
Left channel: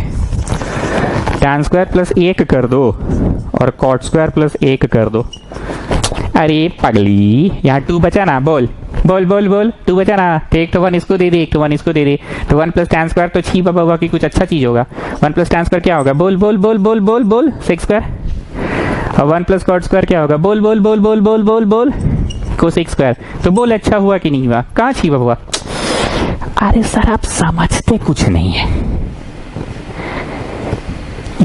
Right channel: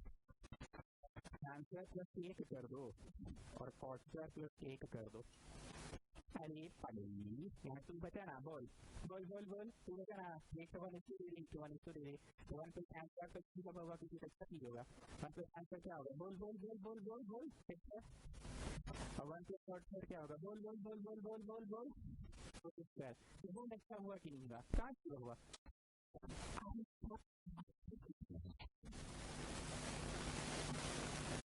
tan स्क्वायर प्लस 1 कर दो और कॉट स्क्वायर प्लस 1 कर दो। अरे पगली यहाँ 2 बचा ना, बोल बोल बोल बोल 2 बचा ना, तो एक तो 1 इसको दे दे, एक तो 1 इसको दे दे, तो 1 प्लस tan स्क्वायर तो छी बाबा होगा कि कुछ अच्छा चीज होगा। 1 प्लस tan स्क्वायर क्या होगा? बोल बोल बोल बोल बोल बोल 6 स्क्वायर। और 1 प्लस कॉट स्क्वायर क्या होगा? बोल बोल बोल बोल बोल बोल बोल कोसेक स्क्वायर। तो बोल अच्छा हुआ कि नहीं हुआ? कहाँ छी बाबा? अरे सर आप समझते कुछ नहीं है।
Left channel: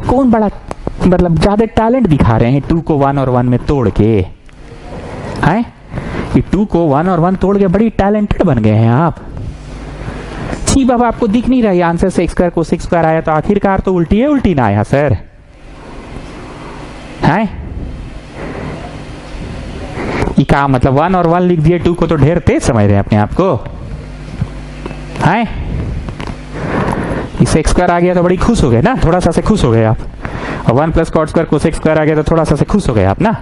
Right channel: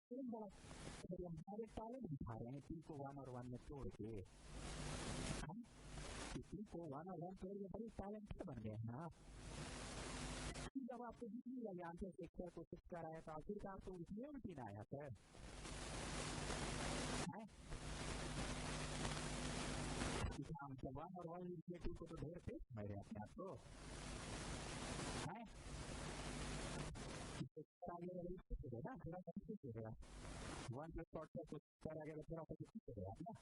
कौन बड़ा मतलब ज्यादा टैलेंट दिखा रहे हैं 2 को 1 और 1 में तोड़ के? हैं ये 2 को 1 और 1 तोड़ के बड़ी टैलेंटेड बन गए हैं आप। छी बाबा आपको दिख नहीं रहा है आंसर से स्क्वायर को 6 स्क्वायर आया, तो आखिरकार तो उल्टी है, उल्टी ना आया सर? हैं ये क्या मतलब 1 और 1 लिख दिए, 2 को तो ढेर तेज समझ रहे हैं अपने आप को। हैं इसे स्क्वायर आ गया तो बड़ी खुश हो गए ना, थोड़ा सा से खुश हो गए आप। और 1 प्लस कॉट स्क्वायर को स्क्वायर आ गया तो थोड़ा सा से खुश हो गए आप ना।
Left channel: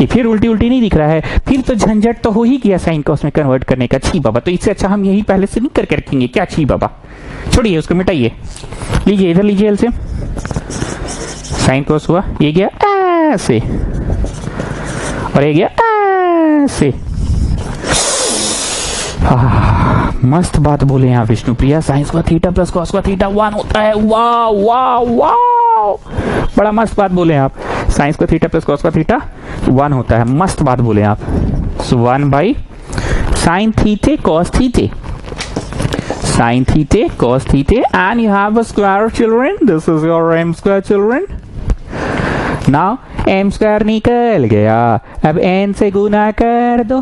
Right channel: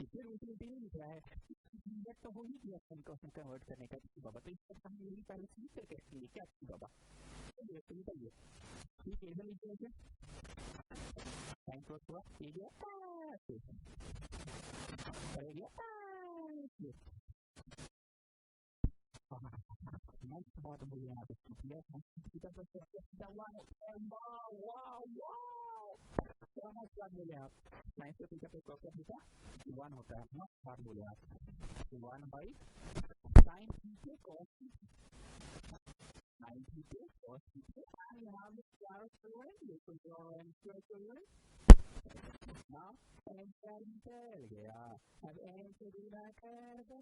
ये फिर उल्टी उल्टी नहीं दिख रहा है, फिर तो झंझट तो हो ही गया साइन कॉस में कन्वर्ट करने का। छी बाबा तो इससे अच्छा हम यही पहले से नहीं करके रखेंगे क्या? छी बाबा छोड़िए उसको, मिटाइए। लीजिए इधर लीजिए एलसीएम। साइन कॉस हुआ, ये गया ऐसे और ये गया ऐसे। मस्त बात बोले यहाँ Vishnupriya, sign square theta plus cos square theta 1 होता है। वाह वाह वाह, बड़ा मस्त बात बोले आप। Sine square theta plus cos square theta 1 होता है, मस्त बात बोले आप। So 1 by sine theta cos theta, sine theta cos theta, and you have a square, children. This is your m square, children. Now m square निकल गया, अब n से गुना कर दो।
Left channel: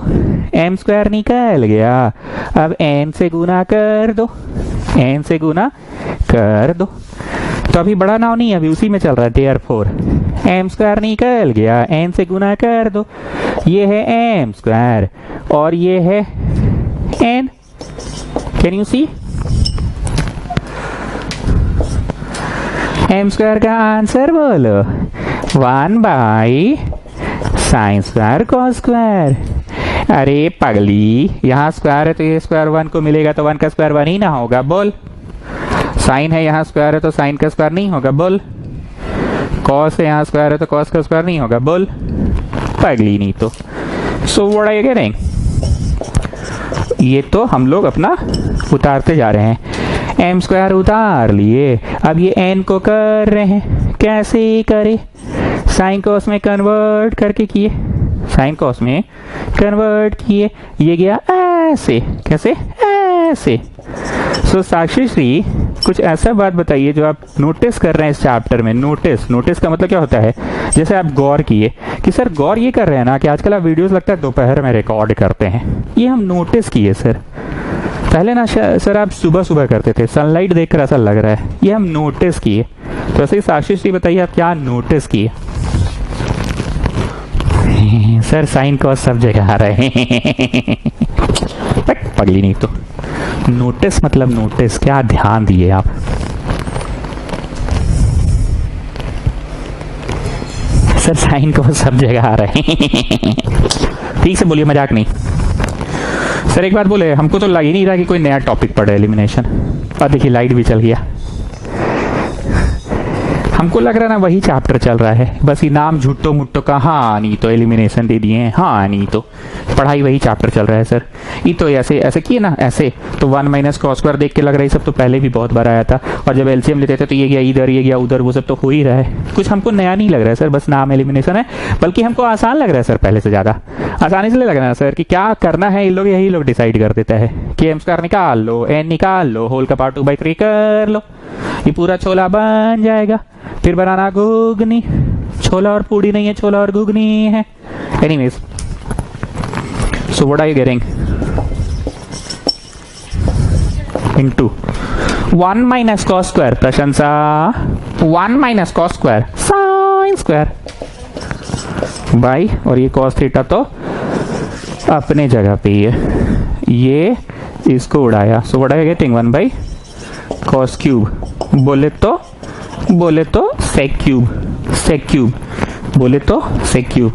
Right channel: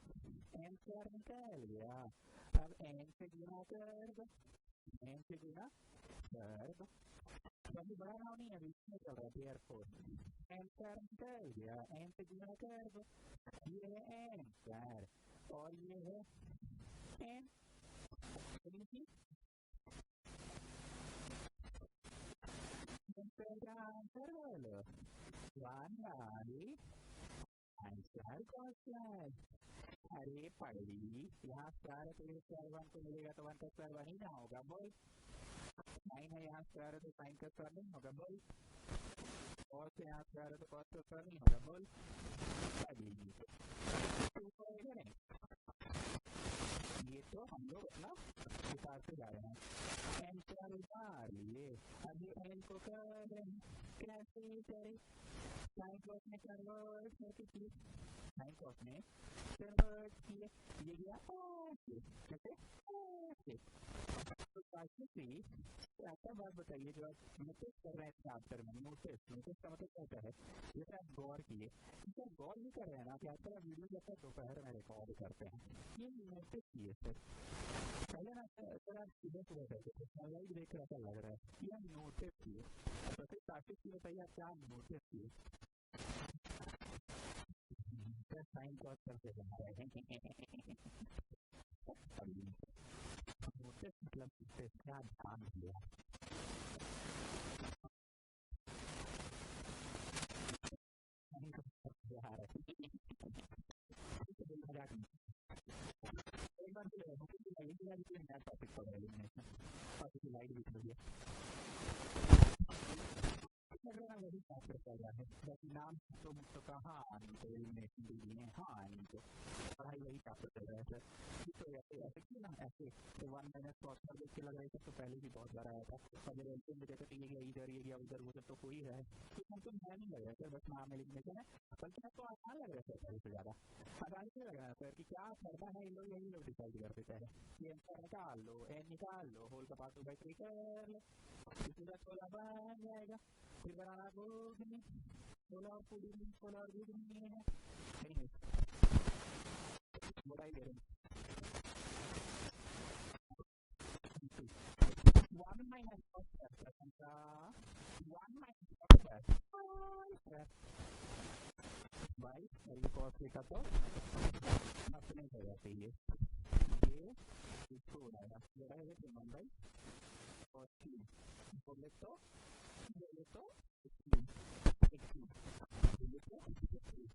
m square निकल गया, अब n से गुना कर दो, n से गुना कर दो। तो अभी बड़ा नाव नहीं, अभी उसी में चल रहा है। therefore m square निकल गया, n से गुना कर दो। ये है m square और ये है n। Can you see? m square का आंसर बोलो, 1 by sign square cos square. अरे पगली, यहाँ स्क्वायर है तो ये स्क्वायर 1 को मिलेगा, तो 1 का स्क्वायर 1 ही ना होगा, बोल। साइन है यहाँ स्क्वायर है तो साइन का स्क्वायर नहीं होगा, बोल। कॉस है यहाँ स्क्वायर है तो कॉस का स्क्वायर नहीं होगा, बोल। पगली नहीं तो। So what are you getting? ये तो हम लोग अपना उतारते जा रहे हैं। m स्क्वायर उतार लिए, अब ये n को कर रहे हैं। कैसे करे? साइन कॉस में कन्वर्ट करके किए, साइन कॉस में कन्वर्ट किए। ये गया ऐसे, कैसे? ऐसे। सो साक्षी श्री, कुछ ऐसा बात बताइए जो आप नोटिस कर रहे हैं इस चैप्टर में। नोटिस का मतलब क्या होता है? जैसे आप गौर किए कि सर गौर ये कर रहे हैं ना कि आजकल आप वीडियोस लगता है दोपहर में रिकॉर्ड करते हैं, ये हम नोटिस किए सर। पहले ना सर आप सुबह सुबह करते थे, सनलाइट देखकर ऐसा लग रहा है, ये हम नोटिस किए। तो ऐसे ही साक्षी श्री बताइए आप क्या नोटिस किए? सर साइन कॉस सब जगह आ रहे हैं। पगली नहीं तो। नोटिस मतलब नोटिस, क्या ध्यान दिए आप? सर साइन कॉस सब जगह आ रहे हैं। ठीक से बोलिए, मजाक नहीं। सर एक बात बोले, हमको तो लग ही नहीं रहा कि कोई नया टॉपिक पढ़े एलिमिनेशन। और देखिए लाइट भी चल गया, हमको लग रहा ना वही चैप्टर चल रहा है, बस ये नाम झुट्टो मुट्टो का। हाँ नहीं तो एलिमिनेशन दे दिए हैं, हाँ नहीं तो पढ़ाई वही चैप्टर चल रहा है सर। ये तो ऐसे ऐसे किए ना, ऐसे तो 1 माइनस कॉस स्क्वायर देख के लग रहा है सब तो पहले भी बहुत बार आया था। और जब एलसीएम लेते थे तो ये गया इधर, ये गया उधर, वो सब तो हो ही रहा है। कुछ हमको नया नहीं लग रहा है सर, बस नाम एलिमिनेशन है, बल्कि हमको आसान लग रहा है सर, पहले से ज़्यादा आसान इसलिए लग रहा है सर कि क्या करना है यही लोग डिसाइड कर देता है कि m स्क्वायर निकाल लो, n निकाल लो, होल का पावर 2/3 कर लो, ये पूरा छोला बन जाएगा। फिर बनाना घुगनी, छोला और पूड़ी नहीं है, छोला और घुगनी है। Anyways, so what are you getting? Into 1 minus cos square, प्रशंसा 1 minus cos square sine square by, और ये कॉस थीटा तो अपने जगह पे ही है, ये इसको उड़ाया। So what are you getting? 1 by cos cube, बोले तो सेक क्यूब, बोले तो सेक क्यूब।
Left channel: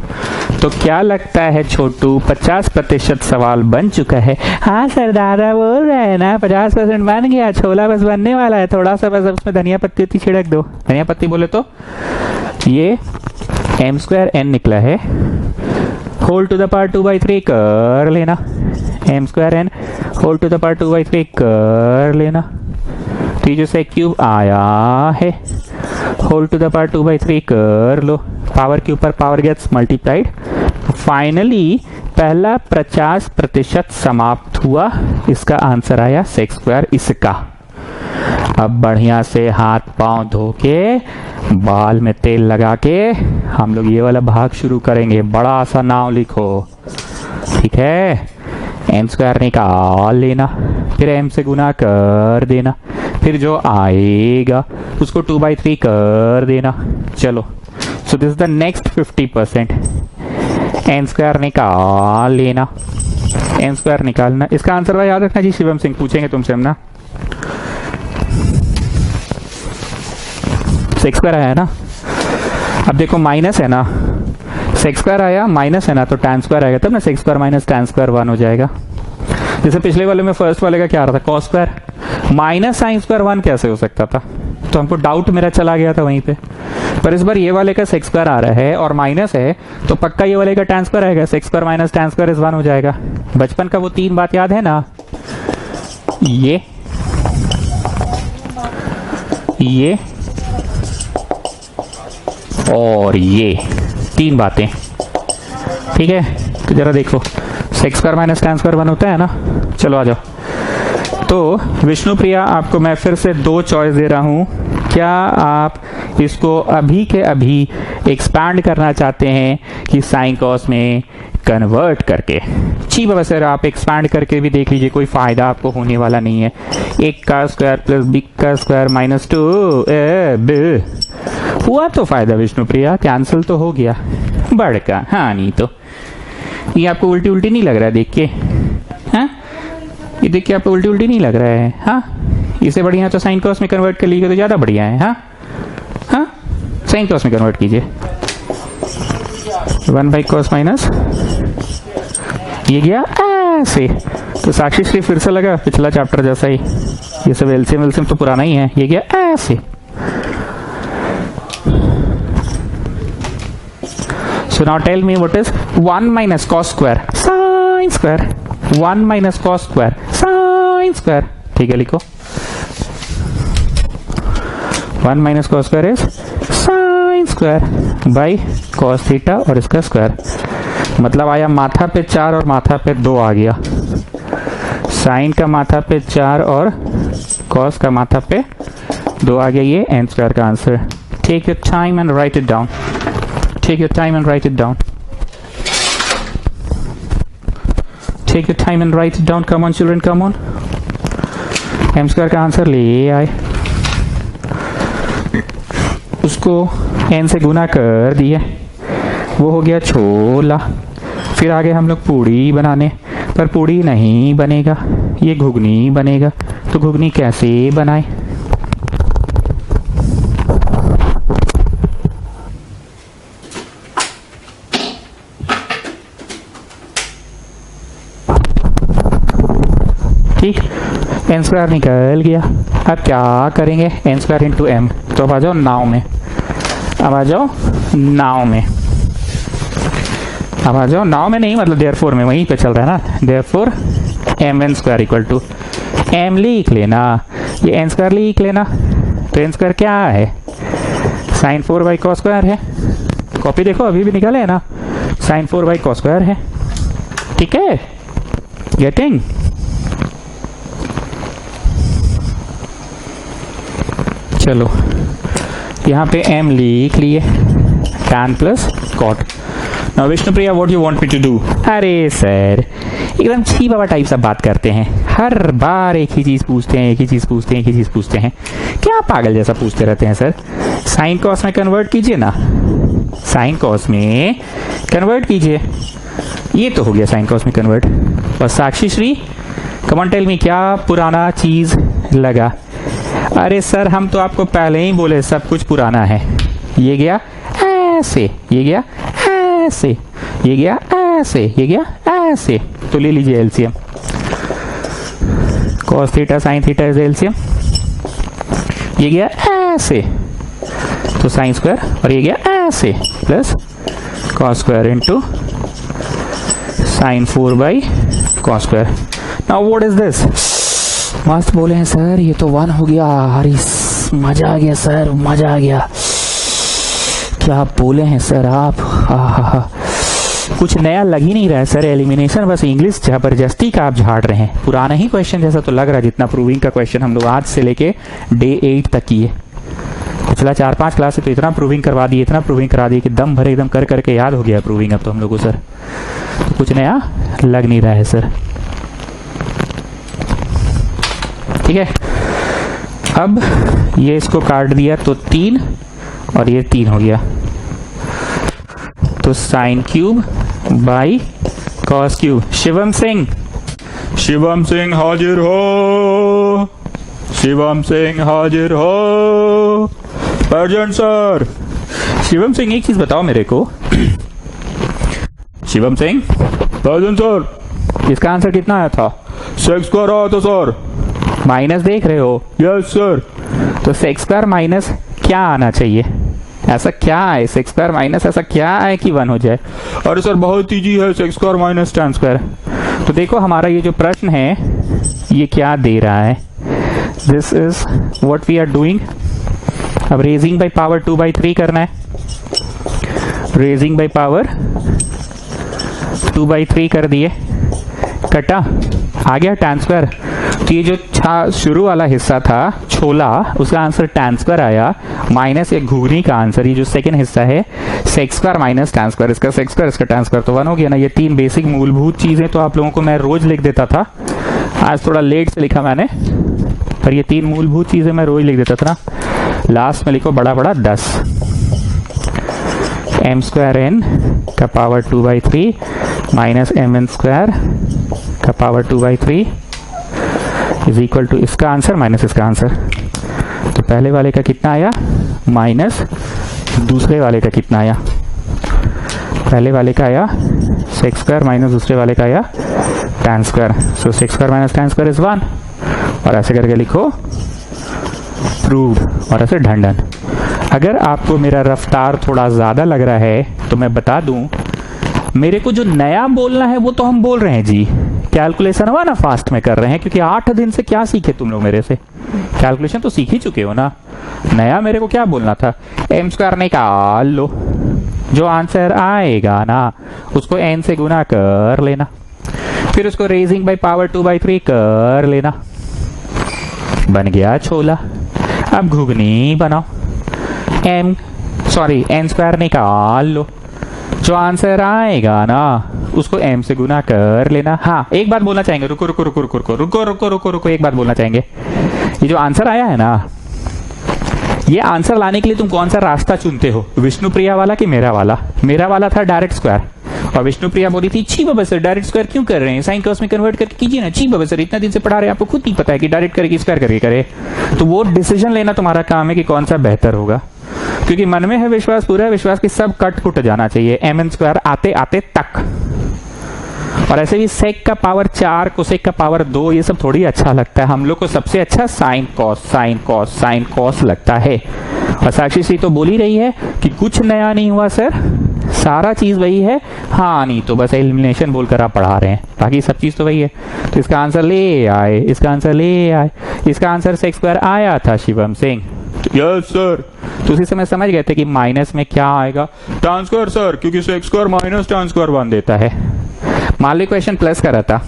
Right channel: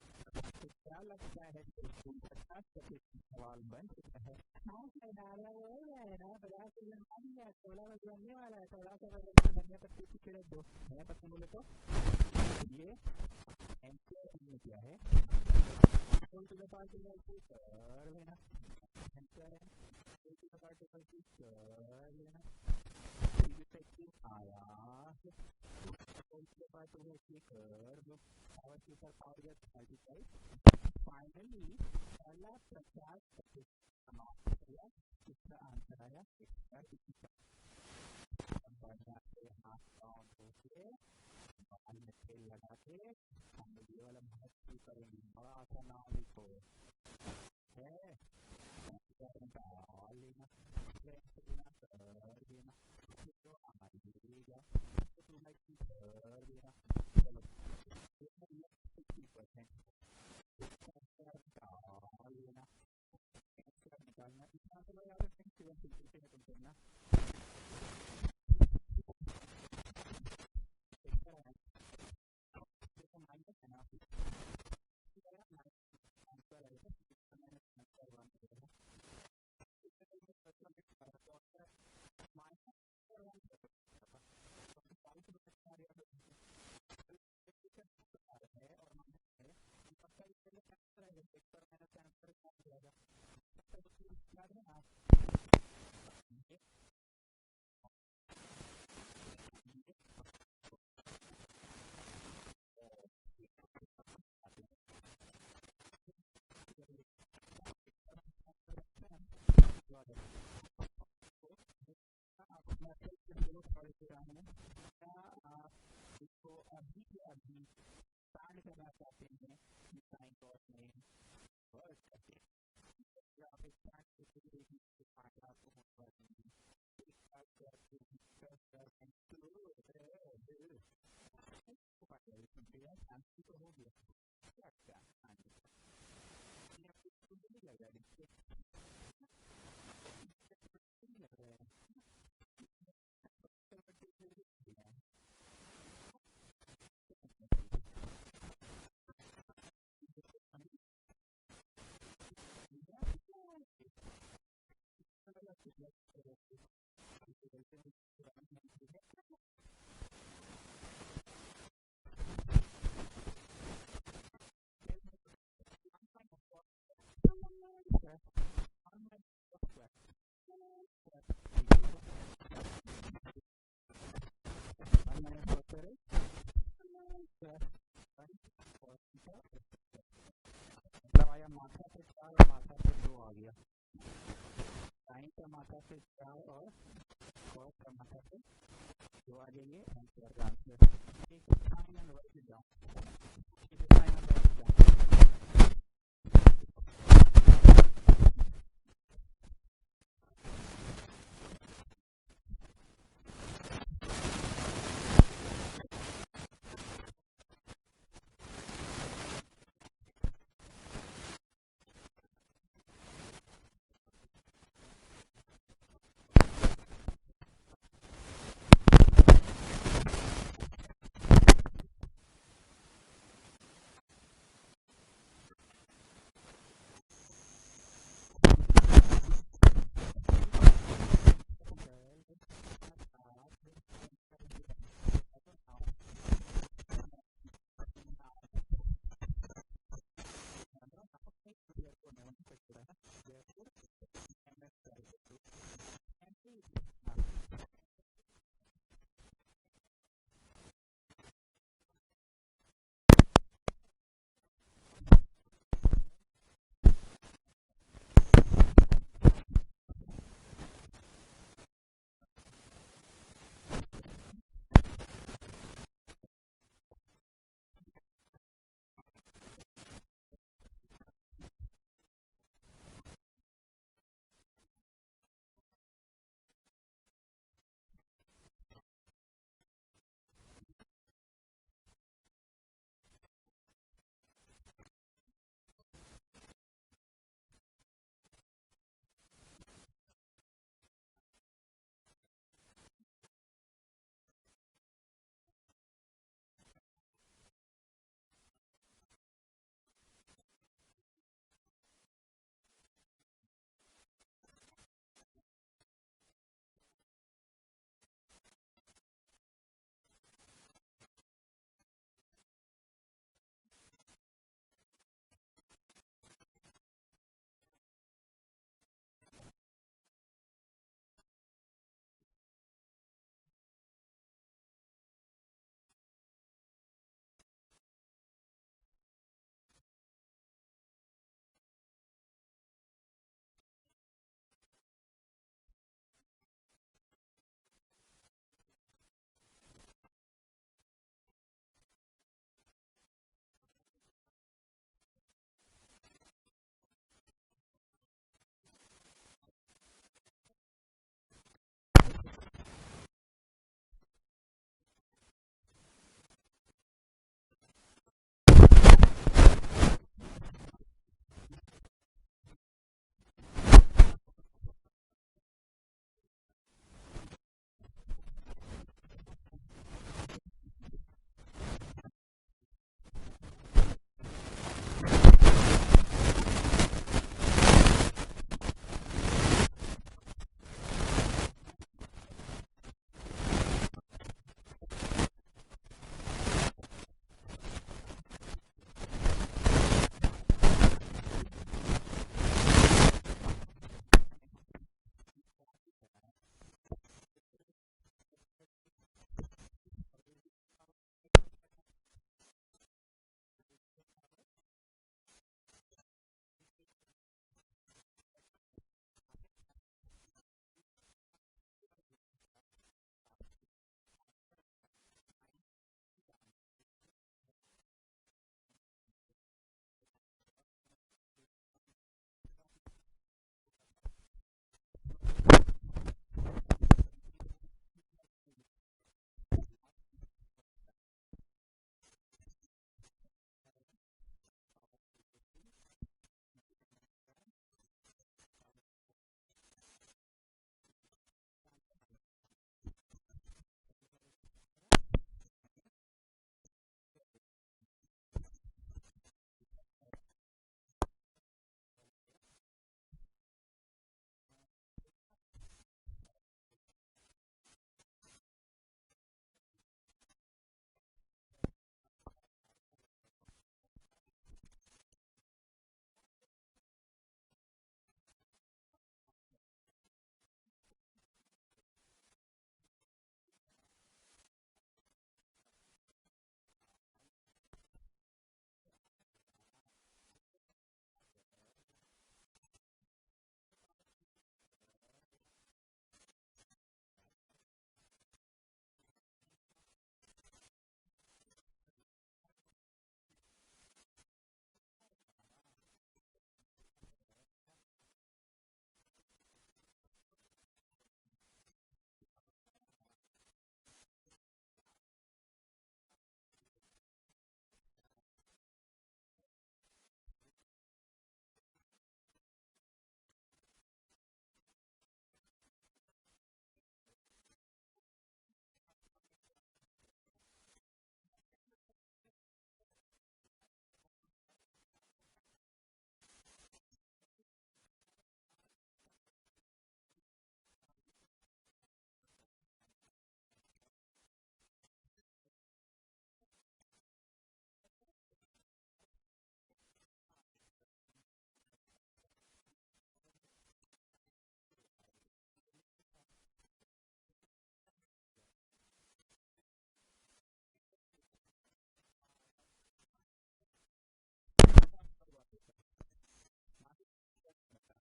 तो क्या लगता है छोटू, 50% सवाल बन चुका है? हाँ सर, दादा बोल रहे हैं ना 50% बन गया, छोला बस बनने वाला है, थोड़ा सा बस उसमें धनिया पत्ती छिड़क दो। धनिया पत्ती बोले तो ये m स्क्वायर n निकला है, होल टू द पावर 2/3 कर लेना, m square n whole to the power 2/3 कर लेना। तो ये जो सेक क्यूब आया है, होल टू द पावर 2/3 कर लो, पावर के ऊपर पावर गेट्स मल्टीप्लाइड। फाइनली पहला 50% समाप्त हुआ, इसका आंसर आया सेक स्क्वायर इसका। अब बढ़िया से हाथ पांव धो के, बाल में तेल लगा के हम लोग ये वाला भाग शुरू करेंगे। बड़ा सा नाम लिखो, ठीक है? m स्क्वायर निकाल लेना, फिर m से गुना कर देना, फिर जो आएगा उसको 2/3 कर देना। चलो, so this is the next 50%। n square निकाल लेना, n स्क्वायर निकालना। इसका आंसर भाई याद रखना जी, शिवम सिंह पूछेंगे तुमसे हम ना। सेक स्क्वायर आया ना, अब देखो माइनस है ना, सेक स्क्वायर आया, माइनस है ना, तो टैन स्क्वायर आएगा, तब ना sec square minus tan square 1 हो जाएगा। जैसे पिछले वाले में फर्स्ट वाले का क्या आ रहा था, cos square minus sine square 1 कैसे हो सकता था? तो हमको डाउट मेरा चला गया था वहीं पे। पर इस बार ये वाले का सेक्स स्क्वायर आ रहा है और माइनस है, तो पक्का ये वाले का tan स्क्वायर आएगा। Sex square minus tan square is 1 हो जाएगा। बचपन का वो 3 बात याद है ना, ये और ये 3 बातें, ठीक है। तो जरा देखो, sex square minus tan square 1 होता है ना। चलो आ जाओ। तो विष्णु प्रिया, आपको मैं फिर से 2 चॉइस दे रहा हूं। क्या आप इसको अभी के अभी एक्सपैंड करना चाहते हैं कि साइन कॉस में कन्वर्ट करके? जी बाबा सर, आप एक्सपैंड करके भी देख लीजिए, कोई फायदा आपको होने वाला नहीं है। 1 का स्क्वायर प्लस b का स्क्वायर माइनस 2 हुआ तो फायदा विष्णु प्रिया, कैंसिल तो हो गया। बड़का हाँ, नहीं तो ये आपको उल्टी उल्टी नहीं लग रहा है देख के? हाँ, ये देख के आपको उल्टी उल्टी नहीं लग रहा है? हाँ, इससे बढ़िया तो साइन कॉस में कन्वर्ट कर लीजिए तो ज्यादा बढ़िया है। हाँ हाँ, साइन कॉस में कन्वर्ट कीजिए। 1 बाई कॉस माइनस, ये गया ऐसे। तो साक्षी श्री फिर से लगा पिछला चैप्टर जैसा ही, ये सब एलसीएम तो पुराना ही है। ये गया ऐसे। So now tell me what is 1 minus cos square sin square, 1 minus cos square sin square, ठीक है लिखो। 1 minus cos square is sin square by cos theta और इसका स्क्वायर। मतलब आया माथा पे 4 और माथा पे 2 आ गया। साइन का माथा पे 4 और cos का माथा पे 2 आ गया। ये n स्क्वायर का answer. Take your time and write it down. Take your time and write it down. Take your time and write it down. Come on children, come on. m square का answer ले आए, उसको n से गुना कर दिया, वो हो गया छोला। फिर आगे हम लोग पूड़ी बनाने, पर पूड़ी नहीं बनेगा, ये घुगनी बनेगा। तो घुगनी कैसे बनाए? ठीक, n स्क्वायर निकल गया। अब क्या करेंगे? n square into m। तो अब आ जाओ नाव में, अब आ जाओ नाव में, अब आ जाओ नाव में नहीं, मतलब देयरफॉर में, वहीं पे चल रहा है ना। Therefore mn square equal to m लिख लेना, ये n स्क्वायर लिख लेना। तो n स्क्वायर क्या है? साइन 4 बाई कॉस स्क्वायर है। कॉपी देखो, अभी भी निकले है ना, साइन 4 बाई कॉस स्क्वायर है। ठीक है, गेटिंग? चलो यहाँ पे m लिख लिए, tan plus cot. Now Vishnupriya, what you want me to do? अरे सर, एकदम छी बाबा टाइप सब बात करते हैं, हर बार एक ही चीज पूछते हैं, एक ही चीज पूछते हैं, एक ही चीज पूछते हैं। क्या पागल जैसा पूछते रहते हैं सर? साइन कॉस में कन्वर्ट कीजिए ना, साइन कॉस में कन्वर्ट कीजिए। ये तो हो गया साइन कॉस में कन्वर्ट। और Sakshi Shri, come on tell me, क्या पुराना चीज लगा? अरे सर, हम तो आपको पहले ही बोले सब कुछ पुराना है। ये गया ऐसे, ये गया ऐसे, ये गया ऐसे, ये गया ऐसे। तो ले लीजिए LCM. Cos theta sine theta is LCM. ये गया ऐसे, तो साइन स्क्वायर, और ये गया ऐसे plus cos square into sine 4 by cos square. Now what is this? मस्त बोले हैं सर, ये तो 1 हो गया। अरे मजा आ गया सर, मजा आ गया। क्या बोले हैं सर आप? हा। कुछ नया लग ही नहीं रहा है सर। एलिमिनेशन बस इंग्लिश जबरदस्ती का आप झाड़ रहे हैं। पुराना ही क्वेश्चन जैसा तो लग रहा है, जितना प्रूविंग का क्वेश्चन हम लोग आज से लेके डे 8 तक किए। पिछला 4-5 क्लास से तो इतना प्रूविंग करवा दिए, इतना प्रूविंग करा दिए कि दम भरे एकदम कर करके याद हो गया प्रूविंग अब तो हम लोग को सर। तो कुछ नया लग नहीं रहा है सर। ठीक है, अब ये इसको काट दिया तो 3 और ये 3 हो गया। तो sine cube by cos cube. Shivam Singh, Shivam Singh हाजिर हो, शिवम सिंह हाजिर हो। Present sir. शिवम सिंह, एक चीज बताओ मेरे को। Shivam Singh, present sir. इसका आंसर कितना आया था? सेक्स स्क्वायर आया था सर। माइनस देख रहे हो? Yes sir. तो सेक्स स्क्वायर माइनस क्या आना चाहिए? ऐसा क्या है सेक्स स्क्वायर माइनस, ऐसा क्या है कि 1 हो जाए? अरे सर बहुत ईजी है, sex square minus tan square. तो देखो हमारा ये जो प्रश्न है ये क्या दे रहा है, this is what we are doing. अब रेजिंग बाय पावर 2/3 करना है, रेजिंग बाय पावर 2/3 कर दिए, कटा, आ गया tan स्क्वायर। तो ये जो शुरू वाला हिस्सा था छोला, उसका आंसर tan स्क्वायर आया, माइनस एक घुगनी का आंसर, ये जो सेकंड हिस्सा है sex square minus tan square, इसका सेक्स स्क्वायर इसका tan स्क्वायर, तो 1 हो गया ना। ये 3 बेसिक मूलभूत चीजें तो आप लोगों को मैं रोज लिख देता था, आज थोड़ा लेट से लिखा मैंने, पर ये 3 मूलभूत चीजें मैं रोज लिख देता था ना। लास्ट में लिखो बड़ा बड़ा 10, m स्क्वायर n का पावर 2/3 माइनस mn स्क्वायर का पावर 2/3 इज इक्वल टू इसका आंसर माइनस इसका आंसर। तो पहले वाले का कितना आया माइनस दूसरे वाले का कितना आया? पहले वाले का आया सेक्स स्क्वायर माइनस दूसरे वाले का आया tan square. So sex square minus tan square is 1, और ऐसे करके लिखो प्रूव्ड, और ऐसे ढंढन। अगर आपको मेरा रफ्तार थोड़ा ज्यादा लग रहा है तो मैं बता दूं, मेरे को जो नया बोलना है वो तो हम बोल रहे हैं जी, कैलकुलेशन हुआ ना फास्ट में कर रहे हैं, क्योंकि 8 दिन से क्या सीखे तुम लोग मेरे से, कैलकुलेशन तो सीख ही चुके हो ना। नया मेरे को क्या बोलना था, m स्क्वायर निकाल लो, जो आंसर आएगा ना उसको n से गुना कर लेना, फिर उसको रेजिंग बाय पावर 2/3 कर लेना, बन गया छोला। अब घुगनी बनाओ, n स्क्वायर निकाल लो, जो आंसर आएगा ना उसको m से गुना कर लेना। हाँ एक बात बोलना चाहेंगे, रुको रुको रुको रुको रुको रुको रुको रुको रुको एक बात बोलना चाहेंगे, ये जो आंसर आया है ना, ये आंसर लाने के लिए तुम कौन सा रास्ता चुनते हो, विष्णुप्रिया वाला कि मेरा वाला? मेरा वाला था डायरेक्ट स्क्वायर, और विष्णुप्रिया बोली थी छी बाबा सर डायरेक्ट स्क्वायर क्यों कर रहे हैं, साइन कॉस में कन्वर्ट करके कीजिए ना, छी बाबा सर इतना दिन से पढ़ा रहे हैं, आपको खुद नहीं पता है कि डायरेक्ट करके स्क्वायर करके करे। तो वो डिसीजन लेना तुम्हारा काम है कि कौन सा बेहतर होगा, क्योंकि मन में है विश्वास, पूरा विश्वास कि सब कट कुट जाना चाहिए mn स्क्वायर आते आते तक। और ऐसे भी सेक का पावर 4, कोसेक का पावर 2, ये सब थोड़ी अच्छा लगता है हम लोग को, सबसे अच्छा sine cos sine cos sine cos लगता है। और साक्षी सी तो बोल ही रही है कि कुछ नया नहीं हुआ सर, सारा चीज वही है। हाँ नहीं तो बस एलिमिनेशन बोलकर आप पढ़ा रहे हैं, बाकी सब चीज तो वही है। तो इसका आंसर ले आए, इसका आंसर ले आए, इसका आंसर सेक्स स्क्वायर आया था शिवम सिंह। Yes sir. तो उसी समय समझ गए थे कि माइनस में क्या आएगा, tan स्क्वायर सर, क्योंकि sex square minus tan square बन देता है। मान लो क्वेश्चन प्लस का रहता,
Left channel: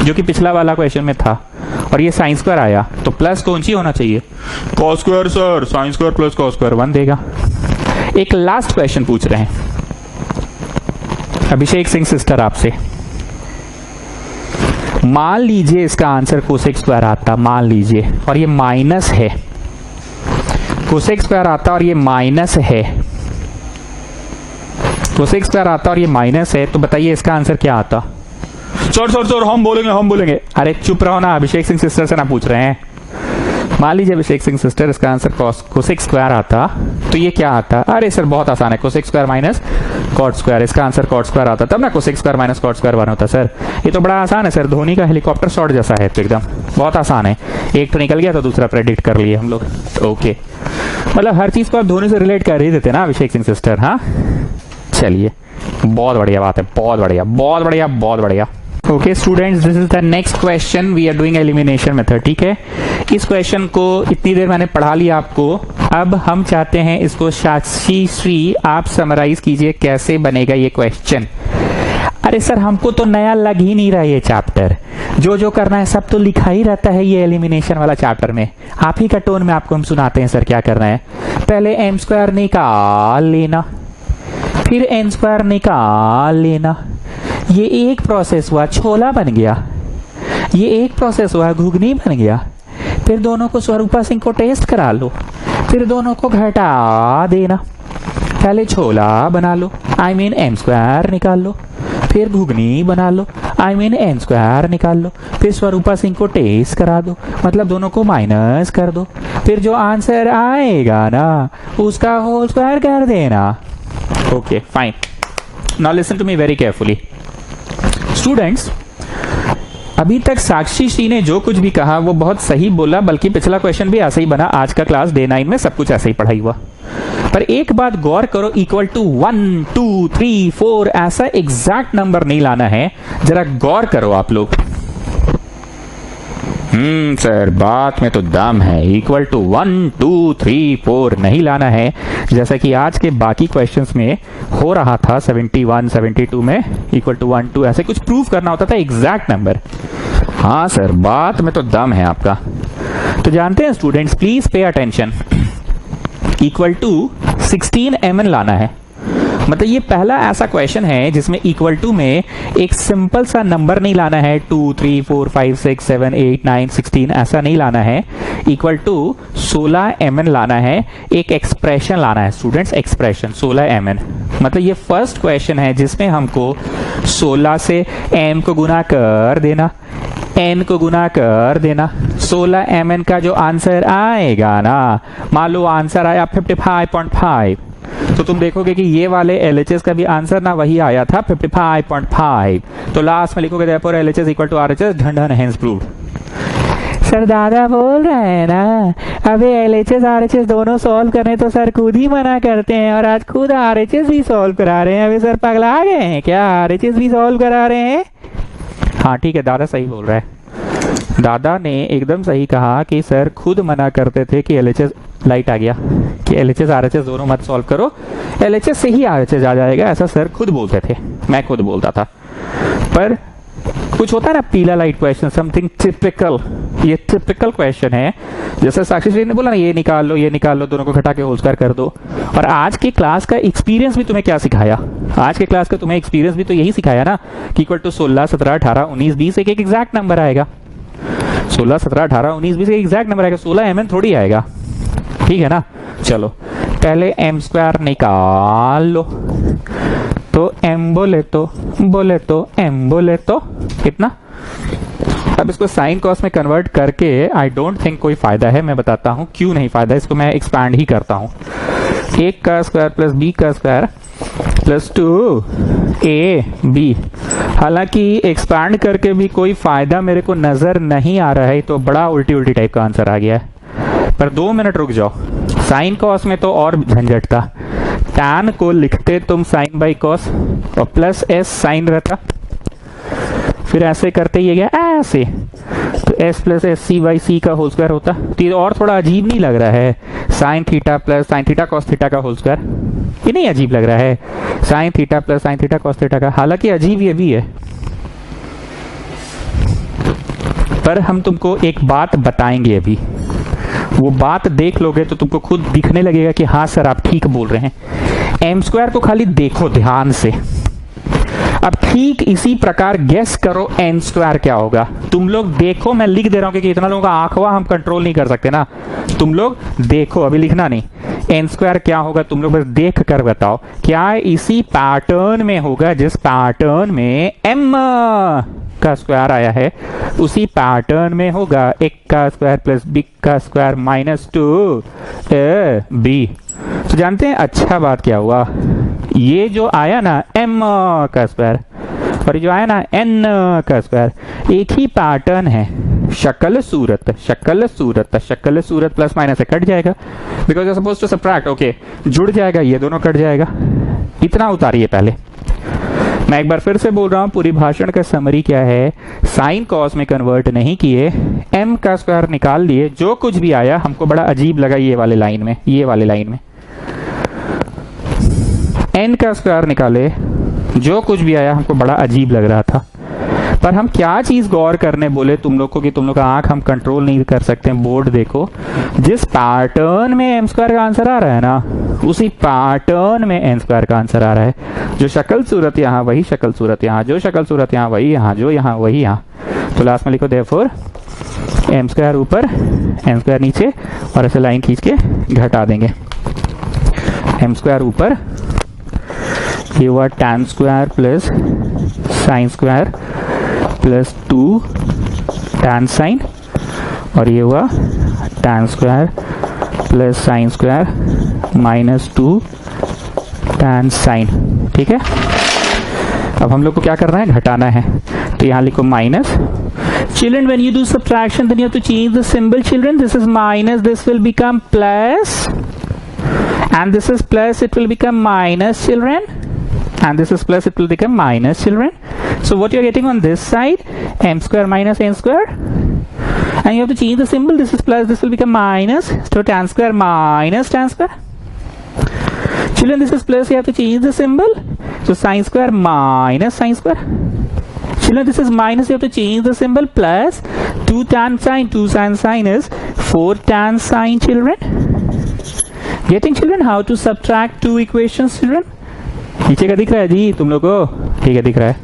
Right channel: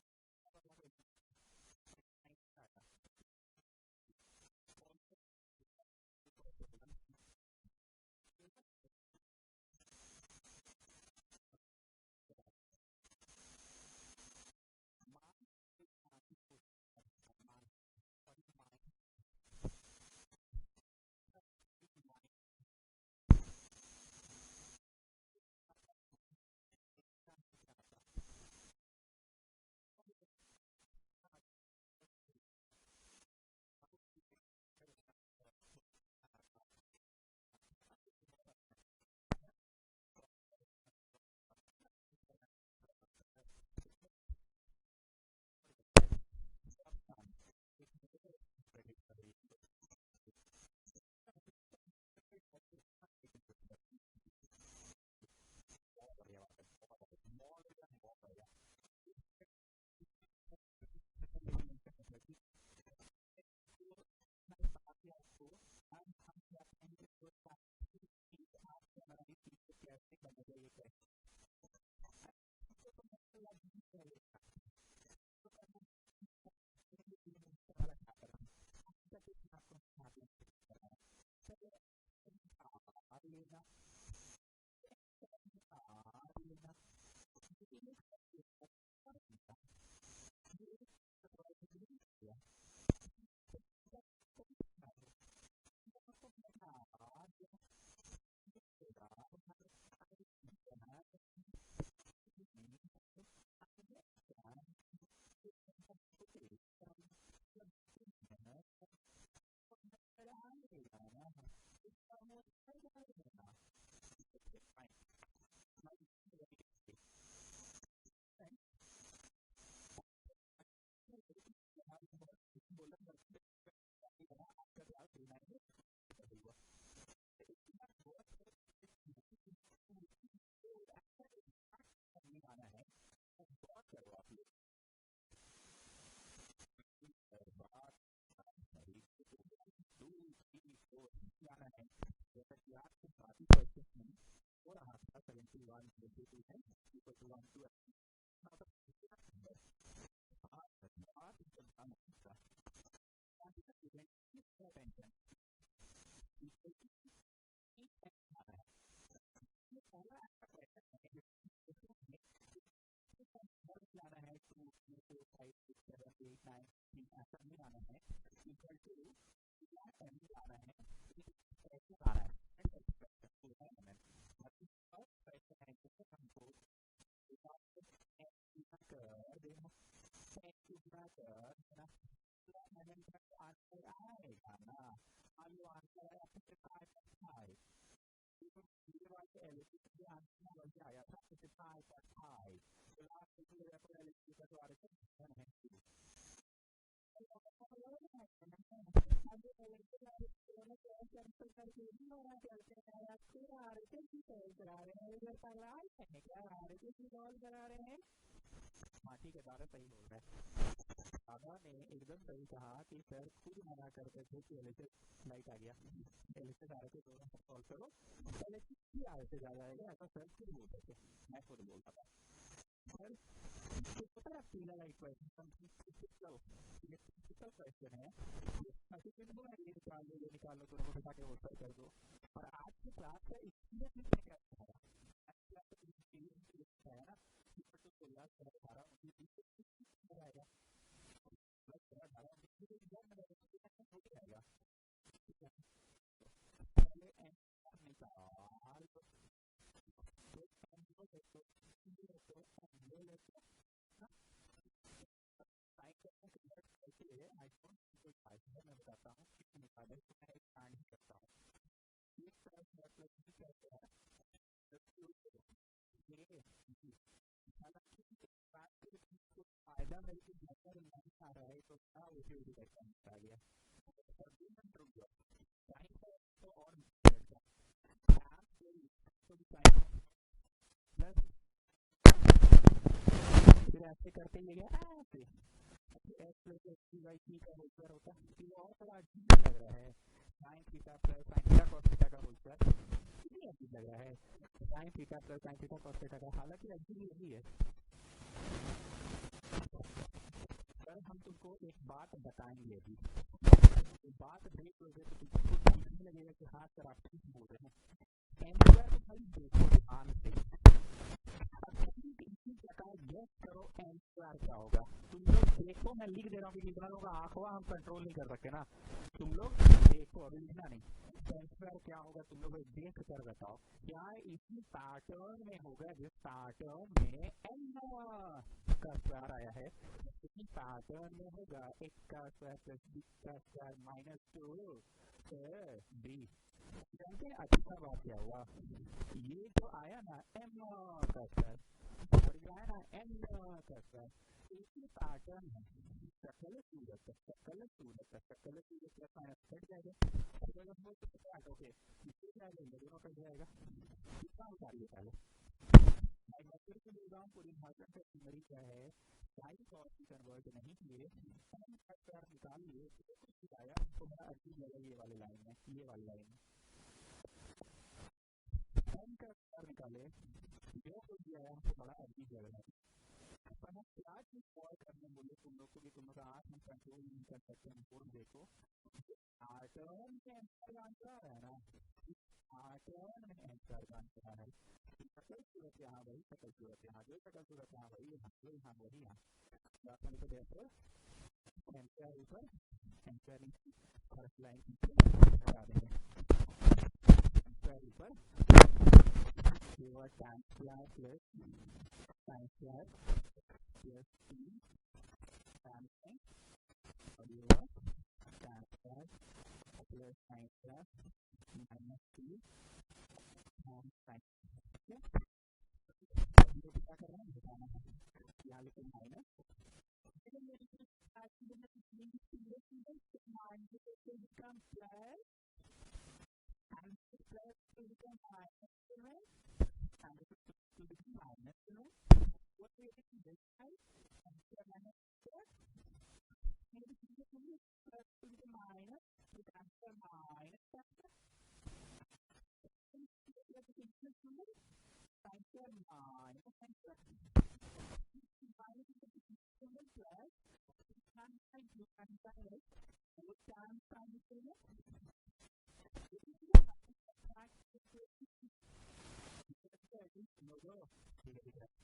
जो कि पिछला वाला क्वेश्चन में था, और ये साइन स्क्वायर आया, तो प्लस कौन सी होना चाहिए? cos square sir, sin square plus cos square 1 देगा। एक लास्ट क्वेश्चन पूछ रहे हैं अभिषेक सिंह सिस्टर आपसे, मान लीजिए इसका आंसर कोसेक स्क्वायर आता, मान लीजिए, और ये माइनस है, कोसेक स्क्वायर आता और ये माइनस है, कोसेक स्क्वायर आता और ये माइनस है, तो बताइए इसका आंसर क्या आता? सर सर सर हम बोलेंगे। अरे चुप रहो ना, अभिषेक सिंह सिस्टर से ना पूछ रहे हैं। मान लीजिए अभिषेक सिंह सिस्टर इसका आंसर कोसेक स्क्वायर आता, तो ये क्या आता? अरे सर बहुत आसान है, cosec square minus cot square, इसका आंसर कॉट स्क्वायर आता, तब ना cosec square minus cot square 1 होता। सर ये तो बड़ा आसान है सर, धोनी का हेलीकॉप्टर शॉट जैसा है, तो एकदम बहुत आसान है, एक तो निकल गया तो दूसरा प्रेडिक्ट कर लिए हम लोग। ओके, मतलब हर चीज को आप धोनी से रिलेट कर ही देते ना अभिषेक सिंह सिस्टर। हाँ चलिए, बहुत बढ़िया बात है, बहुत बढ़िया बहुत बढ़िया बहुत बढ़िया। Okay students, this is the next question, we are doing elimination method. ठीक है, इस क्वेश्चन को इतनी देर मैंने पढ़ा लिया आपको, अब हम चाहते हैं इसको साक्षी श्री आप समराइज कीजिए कैसे बनेगा ये क्वेश्चन। अरे सर हमको तो नया लग ही नहीं रहा ये चैप्टर, जो जो करना है सब तो लिखा ही रहता है ये एलिमिनेशन वाला चैप्टर में, आप ही का टोन में आपको हम सुनाते हैं सर क्या करना है। पहले m स्क्वायर निकाल लेना, फिर n स्क्वायर निकाल लेना, ये एक प्रोसेस हुआ, छोला बन गया, ये एक प्रोसेस हुआ, घुगनी बन गया, फिर दोनों को स्वरूपा सिंह को टेस्ट करा लो, फिर दोनों को घटा देना, पहले छोला बना लो, आई मीन m स्क्वायर निकाल लो, फिर घुगनी बना लो, आई मीन n स्क्वायर निकाल लो, फिर स्वरूपा सिंह को टेस्ट करा दो, मतलब दोनों को माइनस कर दो, फिर जो आंसर आएगा ना उसका होल स्क्वायर कर देना। Okay fine, now listen to me very carefully students, अभी तक साक्षी श्री ने जो कुछ भी कहा वो बहुत सही बोला, बल्कि पिछला क्वेश्चन भी ऐसा ही बना। आज का क्लास डे 9 में सब कुछ ऐसे ही पढ़ाई हुआ। पर एक बात गौर करो, इक्वल टू 1 2 3 4 ऐसा एग्जैक्ट नंबर नहीं लाना है। जरा गौर करो आप लोग। सर बात में तो दम है। इक्वल टू 1 2 3 4 नहीं लाना है, जैसा कि आज के बाकी क्वेश्चंस में हो रहा था। 71 72 में इक्वल टू 1 2 ऐसे कुछ प्रूव करना होता था एग्जैक्ट नंबर। हाँ सर बात में तो दम है आपका। तो जानते हैं students, please pay attention. Equal to 16 mn लाना है। मतलब ये पहला ऐसा क्वेश्चन है जिसमें इक्वल टू में एक सिंपल सा नंबर नहीं लाना है 2 3 4 5 6 7 8 9 16 ऐसा नहीं लाना है। इक्वल टू 16 mn लाना है, एक एक्सप्रेशन लाना है स्टूडेंट्स, एक्सप्रेशन 16 mn। मतलब ये फर्स्ट क्वेश्चन है जिसमें हमको 16 से m को गुना कर देना, n को गुना कर देना। 16 mn का जो आंसर आएगा ना, मान लो आंसर आया 55.5, तो तुम देखोगे कि ये वाले LHS का भी आंसर ना वही आया था 55.5। तो लास्ट में लिखोगे therefore LHS equal to RHS, ढंढन हेंस प्रूव्ड। सर दादा बोल रहे हैं ना, अबे LHS RHS दोनों सॉल्व करने तो सर खुद ही मना करते हैं, और आज खुद RHS भी सॉल्व करा रहे हैं। अबे सर पगला गए हैं क्या? RHS भी सॉल्व करा रहे हैं। हाँ ठीक है, दादा सही बोल रहा है। दादा ने एकदम सही कहा कि सर खुद मना करते थे कि LHS, लाइट आ गया, कि LHS RHS दोनों मत सॉल्व करो, LHS से ही RHS आ जाएगा, ऐसा सर खुद बोलते थे, मैं खुद बोलता था। पर कुछ होता है ना पीला लाइट क्वेश्चन, समथिंग टिपिकल। ये टिपिकल क्वेश्चन है, जैसे साक्षी श्री ने बोला ना, ये निकाल लो ये निकाल लो, दोनों को घटा के होल स्क्वायर कर दो। और आज की क्लास का एक्सपीरियंस भी तुम्हें क्या सिखाया? आज के क्लास का तुम्हें एक्सपीरियंस भी तो यही सिखाया ना कि इक्वल टू 16 17 18 19 20 एक एग्जैक्ट नंबर आएगा। 16 17 18 19 20 एक एग्जैक्ट नंबर आएगा, 16 mn थोड़ी आएगा। ठीक है ना? चलो पहले m स्क्वायर निकाल लो। तो m बोले तो m बोले तो कितना? अब इसको साइन कॉस में कन्वर्ट करके आई डोंट थिंक कोई फायदा है। मैं बताता हूं क्यों नहीं फायदा, इसको मैं एक्सपैंड ही करता हूं। 1 का स्क्वायर प्लस b का स्क्वायर प्लस 2ab। हालांकि एक्सपैंड करके भी कोई फायदा मेरे को नजर नहीं आ रहा है, तो बड़ा उल्टी उल्टी टाइप का आंसर आ गया है। पर 2 मिनट रुक जाओ, साइन कॉस में तो और झंझट था। टैन को लिखते तुम साइन बाई कॉस और प्लस s साइन रहता, फिर ऐसे करते ये गया ऐसे, तो s plus S C by C का होल स्क्वायर होता। तो ये और थोड़ा अजीब नहीं लग रहा है? Sine theta plus sine theta cos theta का होल स्क्वायर, ये नहीं अजीब लग रहा है? Sine theta plus sine theta cos theta का, हालांकि अजीब ये भी है। पर हम तुमको एक बात बताएंगे अभी, वो बात देख लोगे तो तुमको खुद दिखने लगेगा कि हाँ सर आप ठीक बोल रहे हैं। एम स्क्वायर को खाली देखो ध्यान से। अब ठीक इसी प्रकार गेस करो एन स्क्वायर क्या होगा। तुम लोग देखो, मैं लिख दे रहा हूं क्योंकि इतना लोगों का आंखवा हम कंट्रोल नहीं कर सकते ना। तुम लोग देखो, अभी लिखना नहीं। एन स्क्वायर क्या होगा तुम लोग बस देख कर बताओ। क्या इसी पैटर्न में होगा जिस पैटर्न में एम का स्क्वायर आया है, उसी पैटर्न में होगा 1 का स्क्वायर प्लस b का स्क्वायर माइनस 2ab। तो जानते हैं अच्छा बात क्या हुआ, ये जो आया ना m का स्क्वायर और ये जो आया ना n का स्क्वायर, एक ही पैटर्न है। शक्ल सूरत प्लस माइनस से कट जाएगा, because you are supposed to subtract. Okay, जुड़ जाएगा, ये दोनों कट जाएगा। इतना उतारिए पहले। मैं एक बार फिर से बोल रहा हूं, पूरी भाषण का समरी क्या है, साइन कॉस में कन्वर्ट नहीं किए, m का स्क्वायर निकाल लिए, जो कुछ भी आया हमको बड़ा अजीब लगा ये वाले लाइन में, ये वाले लाइन में n का स्क्वायर निकाले, जो कुछ भी आया हमको बड़ा अजीब लग रहा था। पर हम क्या चीज गौर करने बोले तुम लोग को कि तुम लोग का आंख हम कंट्रोल नहीं कर सकते। बोर्ड देखो, जिस पैटर्न में एम स्क्वायर का आंसर आ रहा है ना, उसी पैटर्न में एन स्क्वायर का आंसर आ रहा है। जो शक्ल सूरत यहाँ वही शक्ल सूरत यहाँ, जो शक्ल सूरत यहाँ वही यहाँ, जो यहाँ वही यहाँ। तो लास्ट में लिखो देयरफॉर एम स्क्वायर ऊपर एन स्क्वायर नीचे, और ऐसे लाइन खींच के घटा देंगे। एम स्क्वायर ऊपर, ये हुआ tan square plus sine square plus 2 tan sine, और ये हुआ tan square plus sine square minus 2 tan sine. ठीक है, अब हम लोग को क्या करना है, घटाना है। तो यहाँ लिखो minus, Children, when you do subtraction, then you have to change the symbol. Children, this is minus, this will become plus, and this is plus, it will become minus, children, and this is plus, it will become minus, children. So what you're getting on this side, m square minus n square, and you have to change the symbol. This is plus, this will become minus, so tan square minus tan square. Children, this is plus, you have to change the symbol, so sine square minus sine square. Children, this is minus, you have to change the symbol, plus 2 tan sine, 2 sin sine is 4 tan sine, children. Getting, children, how to subtract two equations, children? नीचे का दिख रहा है जी तुम लोग को? ठीक है, दिख रहा है.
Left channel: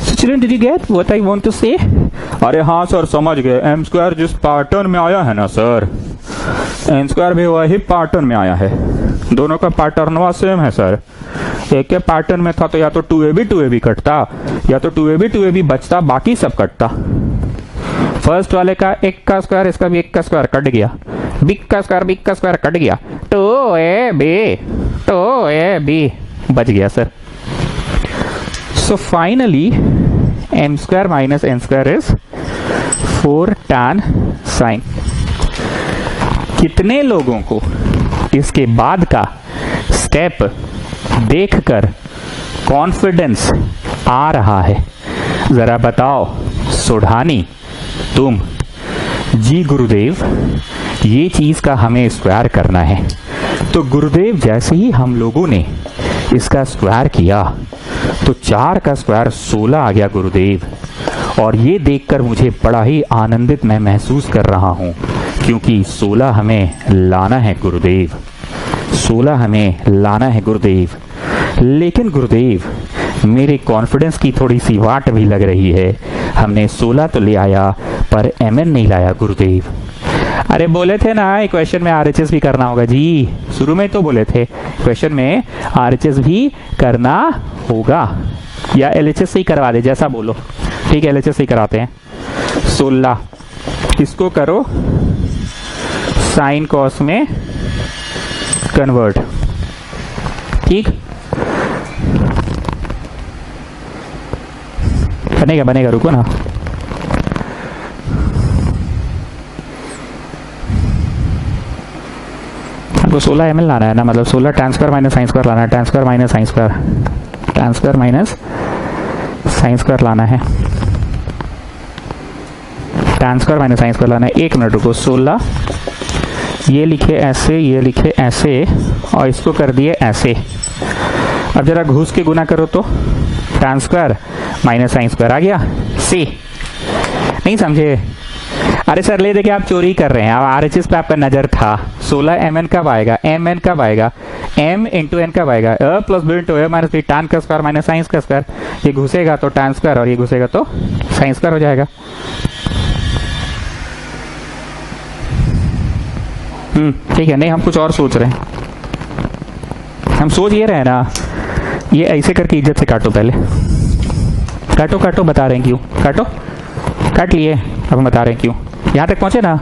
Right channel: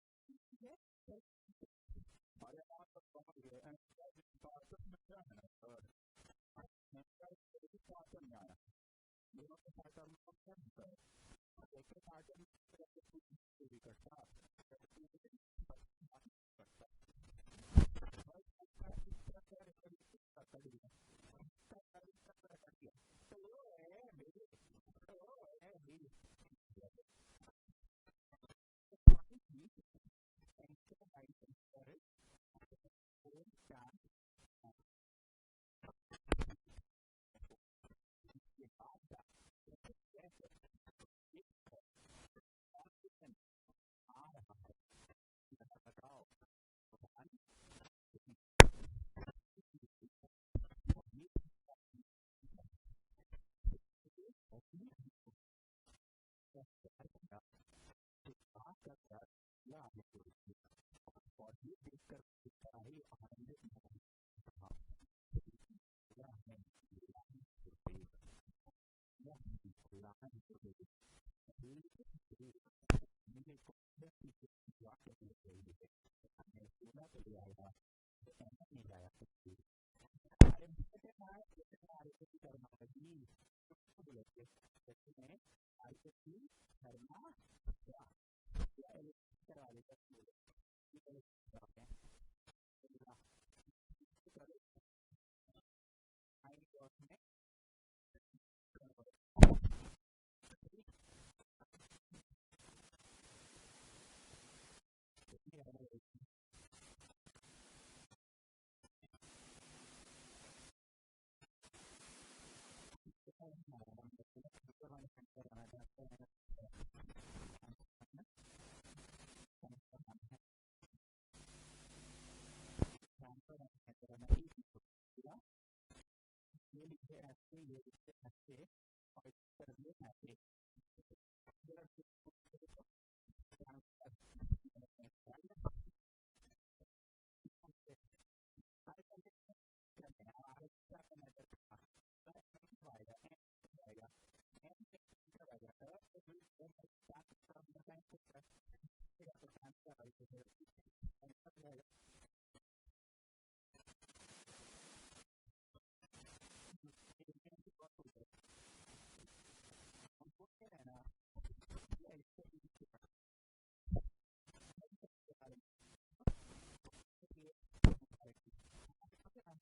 So children, did you get what I want to say? अरे हाँ सर, समझ गए. एम स्क्वायर जिस पैटर्न में आया है ना सर, एन स्क्वायर भी वही पैटर्न में आया है. दोनों का पैटर्न सेम है सर. एक के पैटर्न में था तो या तो 2ab कटता, या तो 2ab बचता, बाकी सब कटता. फर्स्ट वाले का एक का स्क्वायर, इसका भी एक का स्क्वायर कट गया. बिग का स्क्वायर कट गया. 2ab बच गया sir. So finally, m square minus n square is 4 tan sine. कितने लोगों को इसके बाद का स्टेप देखकर कॉन्फिडेंस आ रहा है? जरा बताओ सोढ़ानी, तुम. जी गुरुदेव, ये चीज का हमें स्क्वायर करना है. तो गुरुदेव, जैसे ही हम लोगों ने इसका स्क्वायर किया तो 4 का स्क्वायर 16 आ गया गुरुदेव. और ये देखकर मुझे बड़ा ही आनंदित मैं महसूस कर रहा हूँ, क्योंकि 16 हमें लाना है गुरुदेव, 16 हमें लाना है गुरुदेव. लेकिन गुरुदेव, मेरे कॉन्फिडेंस की थोड़ी सी वाट भी लग रही है. हमने 16 तो ले आया पर mn नहीं लाया गुरुदेव. अरे बोले थे ना इक्वेशन में RHS भी करना होगा जी. शुरू में तो बोले थे क्वेश्चन में RHS भी करना होगा, या LHS ही करवा दे, जैसा बोलो. ठीक है, LHS ही कराते हैं. 16 इसको करो साइन कॉस में कन्वर्ट. ठीक, बनेगा, रुको ना. हमको 16 ml लाना है ना, मतलब 16 tan square minus sine square लाना है. tan square minus sine square, tan square minus sine square लाना है. tan square minus sine square लाना है. 1 मिनट रुको. 16 ये लिखे ऐसे, ये लिखे ऐसे, और इसको कर दिए ऐसे. अब जरा घुस के गुना करो तो tan square minus sine square आ गया. सी नहीं समझे? अरे सर ले देखिए, आप चोरी कर रहे हैं. अब RHS पे आपका नजर था. 16 mn कब आएगा? mn कब आएगा? m इंटू n कब आएगा? a plus b into a minus b. tan का स्क्वायर माइनस साइन का स्क्वायर. ये घुसेगा तो tan स्क्वायर, और ये घुसेगा तो साइन स्क्वायर हो जाएगा. ठीक है. नहीं, हम कुछ और सोच रहे हैं. हम सोच ये रहे ना, ये ऐसे करके इज्जत से काटो. पहले काटो, बता रहे हैं क्यों. काट लिए, अब हम बता रहे हैं क्यों. यहां तक पहुंचे ना.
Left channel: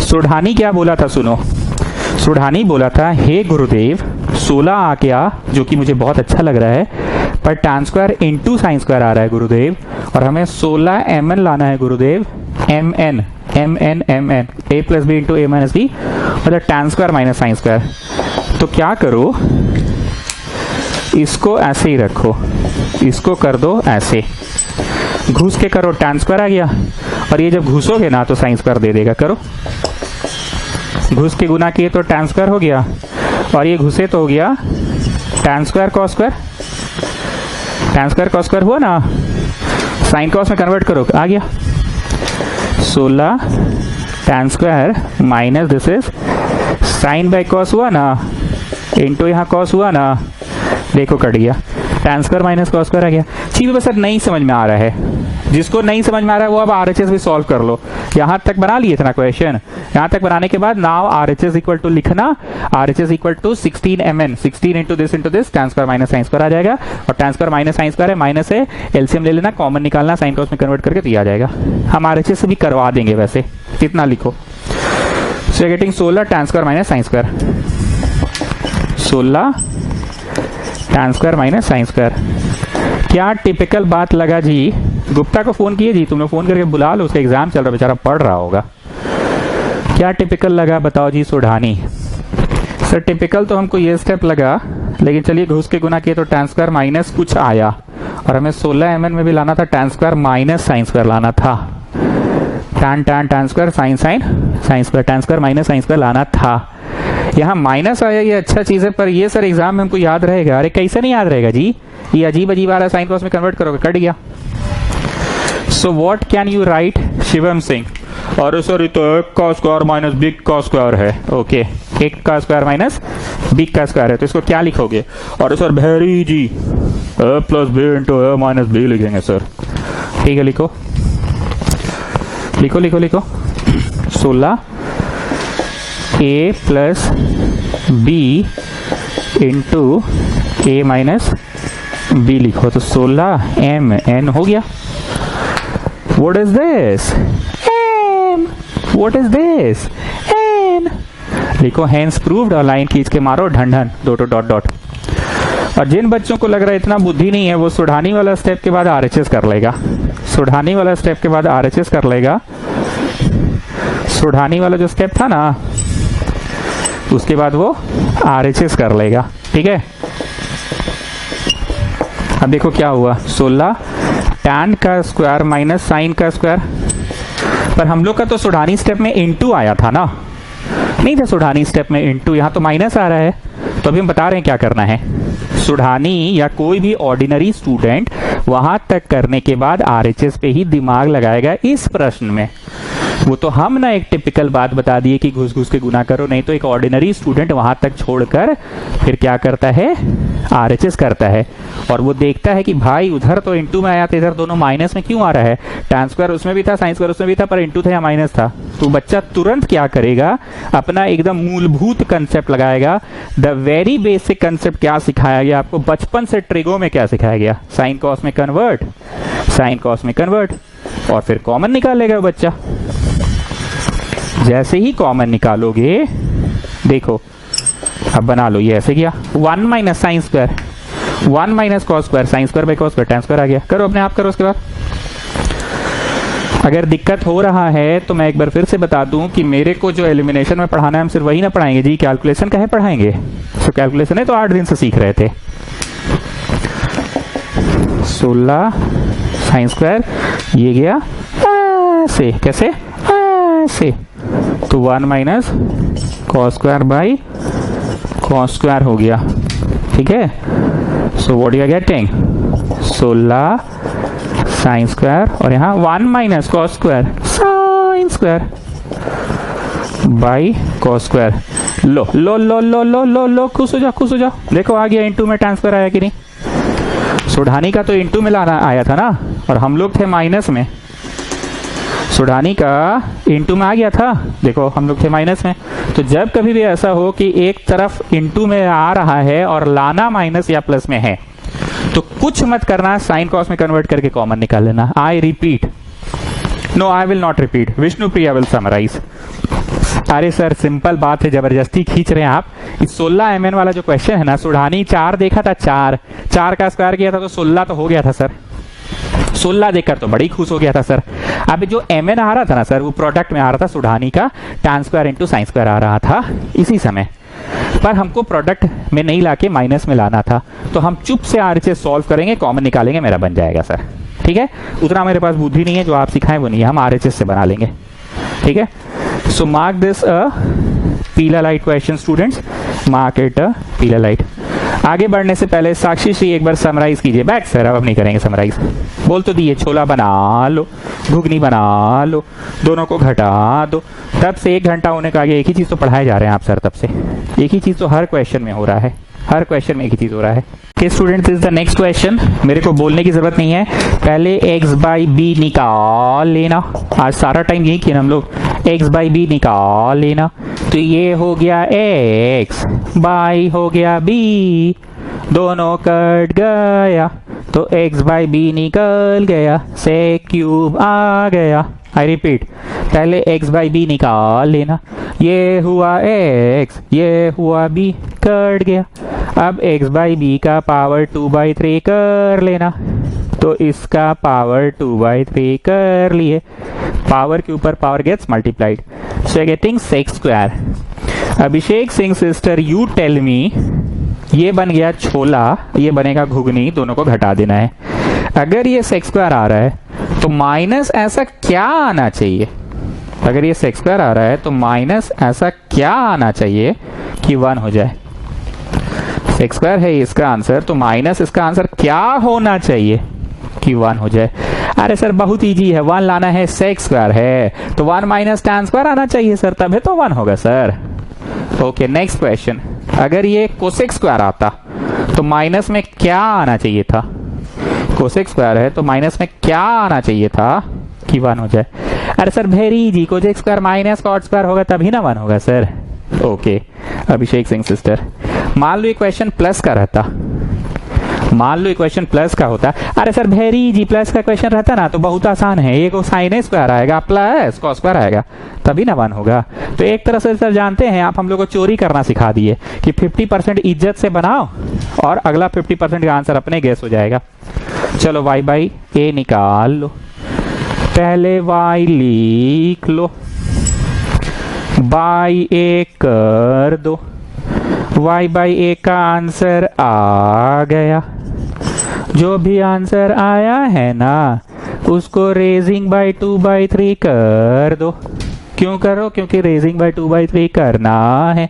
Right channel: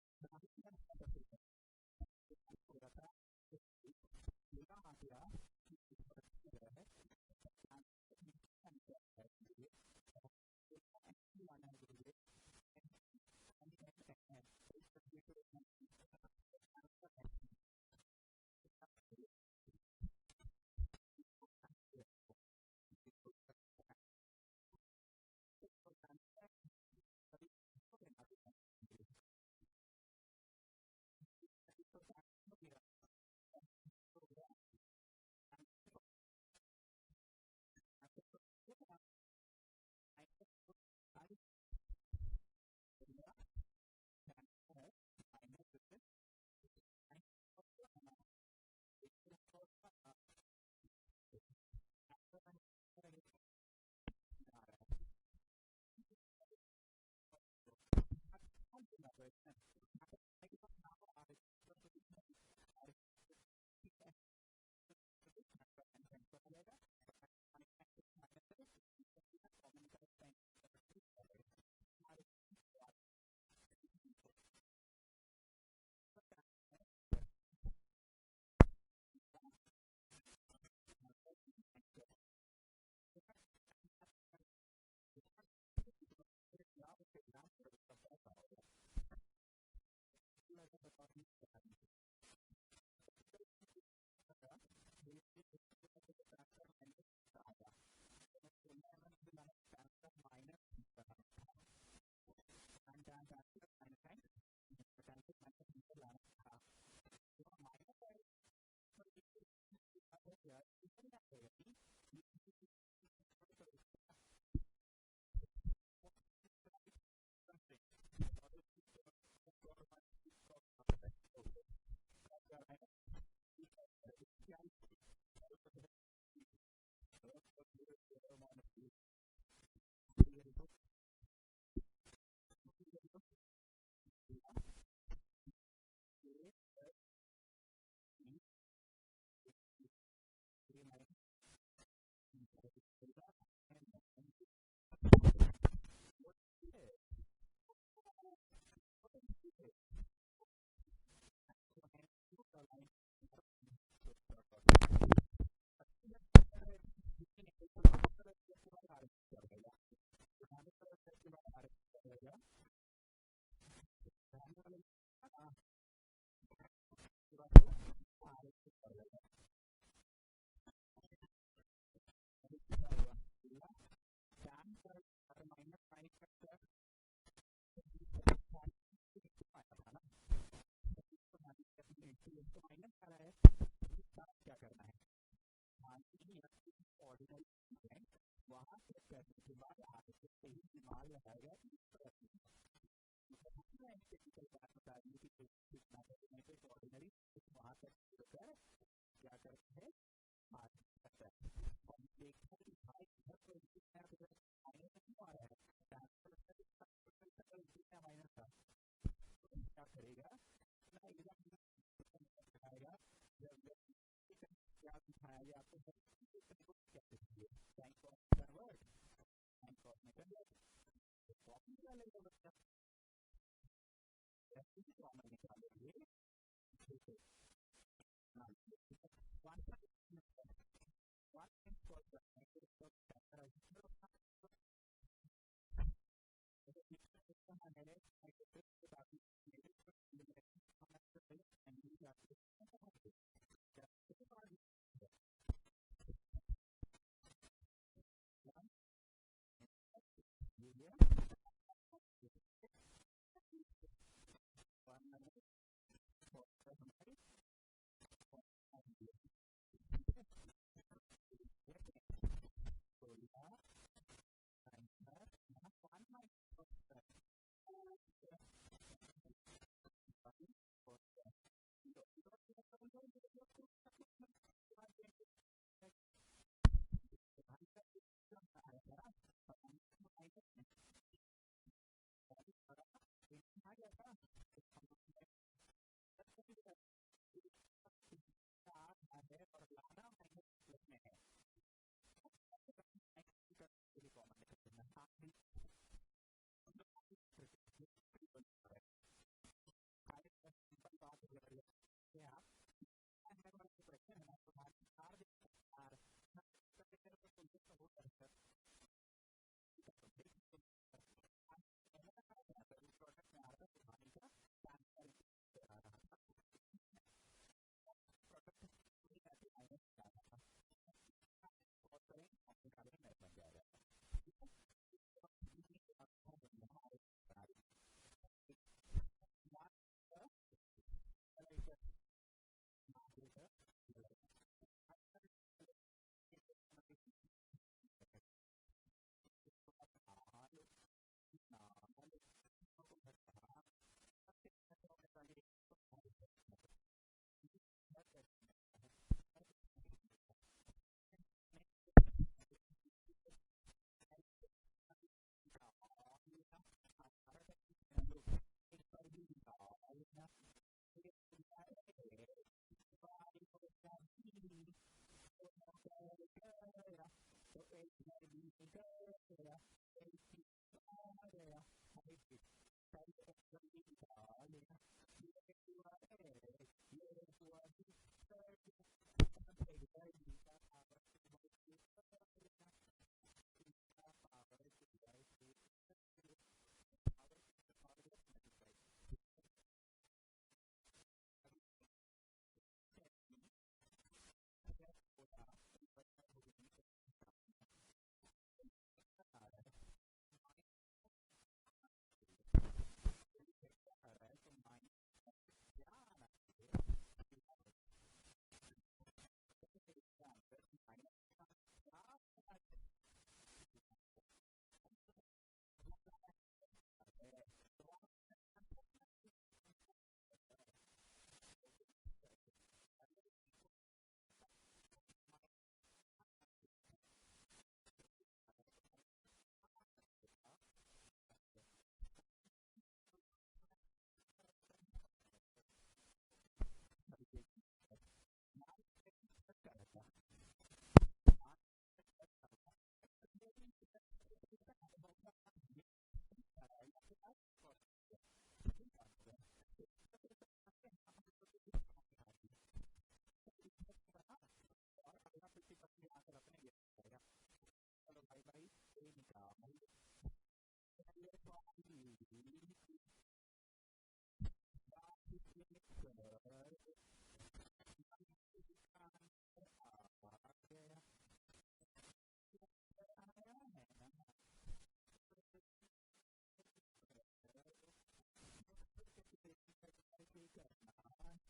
सोढ़ानी क्या बोला था, सुनो. सोढ़ानी बोला था, हे गुरुदेव 16 आ गया, जो कि मुझे बहुत अच्छा लग रहा है, पर tan square into sine square आ रहा है गुरुदेव, और हमें 16 mn लाना है गुरुदेव. mn a plus b into a minus b, मतलब tan square minus sine square. तो क्या करो, इसको ऐसे ही रखो, इसको कर दो ऐसे, घुस के करो. tan स्क्वायर आ गया, और ये जब घुसोगे ना तो साइन स्क्वायर दे देगा. करो, घुस के गुना किए तो tan स्क्वायर हो गया, और ये घुसे तो हो गया tan square cos square. tan square cos square हुआ ना. साइन कॉस में कन्वर्ट करो, आ गया 16 tan square minus this is sine by cos हुआ ना, इंटू यहाँ कॉस हुआ ना. देखो कट गया. tan square minus cos square आ गया. चीज बस सर नहीं समझ में आ रहा है. जिसको नहीं समझ में आ रहा है वो अब RHS भी सॉल्व कर लो. यहाँ तक बना लिए थे ना क्वेश्चन. यहाँ तक बनाने के बाद नाउ RHS इक्वल टू लिखना. RHS equal to 16 mn, 16 into this tan square minus sine square आ जाएगा. और tan square minus sine square है, माइनस है, एलसीएम ले लेना, कॉमन निकालना, साइन कॉस में कन्वर्ट करके दिया जाएगा. हम RHS से भी करवा देंगे वैसे. कितना लिखो. So getting 16 tan square minus sine square. 16 tan square minus sine square. क्या टिपिकल बात लगा जी? गुप्ता को फोन किए जी, तुमने फोन करके बुला लो, उसका एग्जाम चल रहा, बेचारा पढ़ रहा होगा। क्या टिपिकल लगा बताओ जी सोढ़ानी? सर टिपिकल तो हमको ये स्टेप लगा, लेकिन चलिए घुस के गुना किए तो tan स्क्वायर माइनस कुछ आया, और हमें 16 mn में भी लाना था tan square minus sine square लाना था। tan square sine square tan square minus sine square लाना था। यहाँ माइनस आया, ये अच्छा चीज है, पर ये सर एग्जाम में हमको याद रहेगा। अरे कैसे नहीं याद रहेगा जी? ये अजीब अजीब वाला साइन कॉस में कन्वर्ट करोगे, कट गया। So what can you right Shivam Singh? अरे सर ये तो एक का स्क्वायर माइनस बी का स्क्वायर है। ओके, एक का स्क्वायर माइनस बी का स्क्वायर है, तो इसको क्या लिखोगे? अरे सर वेरी जी, ए प्लस बी इंटू ए माइनस बी लिखेंगे सर। ठीक है, लिखो लिखो लिखो लिखो। 16 ए प्लस बी इंटू ए माइनस बी लिखो, तो 16 एम एन हो गया। What is this? M. What is this? N. लिखो हेंस प्रूव्ड, और लाइन खींच के मारो ढंढन, दो डॉट डॉट। और जिन बच्चों को लग रहा है इतना बुद्धि नहीं है, वो सुढ़ानी वाला स्टेप के बाद आरएचएस कर लेगा। सुढ़ानी वाला स्टेप के बाद आरएचएस कर लेगा। सुढ़ानी वाला जो स्टेप था ना, उसके बाद वो आरएचएस कर लेगा। ठीक है, अब देखो क्या हुआ। 16 tan का स्क्वायर माइनस साइन का स्क्वायर, पर हम लोग का तो सुढ़ानी स्टेप में इनटू आया था ना, नहीं था सुढ़ानी स्टेप में इनटू, यहाँ तो माइनस आ रहा है। तो अभी हम बता रहे हैं क्या करना है। सुढ़ानी या कोई भी ऑर्डिनरी स्टूडेंट वहां तक करने के बाद आरएचएस पे ही दिमाग लगाएगा इस प्रश्न में। वो तो हम ना एक टिपिकल बात बता दिए कि घुस घुस के गुना करो, नहीं तो एक ऑर्डिनरी स्टूडेंट वहां तक छोड़कर फिर क्या करता है? आरएचएस करता है, और वो देखता है कि भाई उधर तो इंटू में आया था, इधर दोनों माइनस में क्यों आ रहा है? tan स्क्वायर उसमें भी था, साइन स्क्वायर उसमें भी था, पर इंटू था या माइनस था। तो बच्चा तुरंत क्या करेगा? अपना एकदम मूलभूत कंसेप्ट लगाएगा। द वेरी बेसिक कंसेप्ट क्या सिखाया गया आपको बचपन से? ट्रिगो में क्या सिखाया गया? साइन कॉस में कन्वर्ट, साइन कॉस में कन्वर्ट, और फिर कॉमन निकालेगा बच्चा। जैसे ही कॉमन निकालोगे, देखो अब बना लो, ये ऐसे किया 1 minus sine square, 1 minus cos square, sine square by cos square, tan square आ गया। करो अपने आप करो। उसके बाद अगर दिक्कत हो रहा है तो मैं एक बार फिर से बता दूं कि मेरे को जो एलिमिनेशन में पढ़ाना है हम सिर्फ वही ना पढ़ाएंगे जी, कैलकुलेशन का है पढ़ाएंगे। तो कैलकुलेशन है तो 8 दिन से सीख रहे थे। 16 साइन स्क्वायर, ये गया ऐसे, कैसे? ऐसे, तो 1 minus cos square by cos square हो गया। ठीक है, so what you are getting? 16 sine square, और यहाँ 1 minus cos square sine square by cos square. लो लो लो लो लो लो लो, खुश हो जाओ, खुश हो जाओ। देखो आ गया, इंटू में tan स्क्वायर आया कि नहीं? सुढ़ानी का तो इंटू में लाना आया था ना, और हम लोग थे माइनस में। सुढ़ानी का इंटू में आ गया था, देखो हम लोग थे माइनस में। तो जब कभी भी ऐसा हो कि एक तरफ इंटू में आ रहा है और लाना माइनस या प्लस में है, तो कुछ मत करना, साइन कॉस में कन्वर्ट करके कॉमन निकाल लेना। I repeat, no I will not repeat, Vishnu Priya will summarize. अरे सर सिंपल बात है, जबरदस्ती खींच रहे हैं आप। इस 16 mn वाला जो क्वेश्चन है ना, सुढ़ानी 4 देखा था, 4 का स्क्वायर किया था तो 16 तो हो गया था सर। 16 देखकर तो बड़ी खुश हो गया था सर। अब जो mn आ रहा था ना सर, वो प्रोडक्ट में आ रहा था सुढ़ानी का tan square into sine square आ रहा था इसी समय, पर हमको प्रोडक्ट में नहीं लाके माइनस में लाना था। तो हम चुप से आरएचएस सॉल्व करेंगे, कॉमन निकालेंगे, मेरा बन जाएगा सर। ठीक है, उतना मेरे पास बुद्धि नहीं है, जो आप सिखाएं वो नहीं है, हम आरएचएस से बना लेंगे। ठीक है, सो मार्क दिस अ पीला light question students, mark it a पीला लाइट। आगे बढ़ने से पहले साक्षी श्री एक बार समराइज कीजिए। बैक सर, अब नहीं करेंगे समराइज। बोल तो दिए, छोला बना लो, घुगनी बना लो, दोनों को घटा दो। तब से 1 घंटा होने का आगे एक ही चीज तो पढ़ाए जा रहे हैं आप सर, तब से एक ही चीज तो हर क्वेश्चन में हो रहा है, हर क्वेश्चन में एक ही चीज हो रहा है। कि students is the next question, मेरे को बोलने की जरूरत नहीं है, पहले x बाई बी निकाल लेना। आज सारा टाइम यही किया हम लोग, x बाई बी निकाल लेना। तो ये हो गया x, बाई हो गया b, दोनों कट गया तो x बाई बी निकल गया, सेक क्यूब आ गया। आई रिपीट, पहले x बाई बी निकाल लेना। ये हुआ x, ये हुआ b, कट गया। अब x बाई बी का पावर 2/3 कर लेना, तो इसका पावर 2/3 कर लिए, पावर के ऊपर power gets multiplied, so getting sec square. Abhishek Singh sister you tell me, ये बन गया छोला, ये बनेगा घुगनी, दोनों को घटा देना है। अगर ये सेक्स स्क्वायर आ रहा है तो माइनस ऐसा क्या आना चाहिए, अगर ये सेक्स स्क्वायर आ रहा है तो माइनस ऐसा क्या आना चाहिए कि 1 हो जाए। सेक्स स्क्वायर है इसका आंसर, तो माइनस इसका आंसर क्या होना चाहिए कि 1 हो जाए। अरे सर बहुत इजी है, 1 लाना है, सेक्स स्क्वायर है तो 1 माइनस tan स्क्वायर आना चाहिए सर, तभी तो 1 होगा सर। ओके नेक्स्ट क्वेश्चन, अगर ये कोसेक स्क्वायर आता तो माइनस में क्या आना चाहिए था, कोसेक स्क्वायर है तो माइनस में क्या आना चाहिए था कि 1 हो जाए। अरे sir very easy, cosec square minus cot square होगा तभी ना 1 होगा sir. Okay Abhishek Singh sister, मान लो इक्वेशन प्लस का रहता, मान लो इक्वेशन प्लस का होता, अरे सर वेरी इजी, प्लस का क्वेश्चन रहता ना तो बहुत आसान है, ये को साइन स्क्वायर आएगा प्लस कॉस स्क्वायर आएगा तभी ना 1 होगा। तो एक तरह से सर जानते हैं आप हम लोग को चोरी करना सिखा दिए कि 50% इज्जत से बनाओ और अगला 50% का आंसर अपने गेस हो जाएगा। चलो y बाई ए निकाल लो, पहले y लिख लो, बाई ए कर दो, y बाई ए का आंसर आ गया। जो भी आंसर आया है ना उसको रेजिंग बाई 2/3 कर दो। क्यों करो, क्योंकि रेजिंग बाई 2/3 करना है,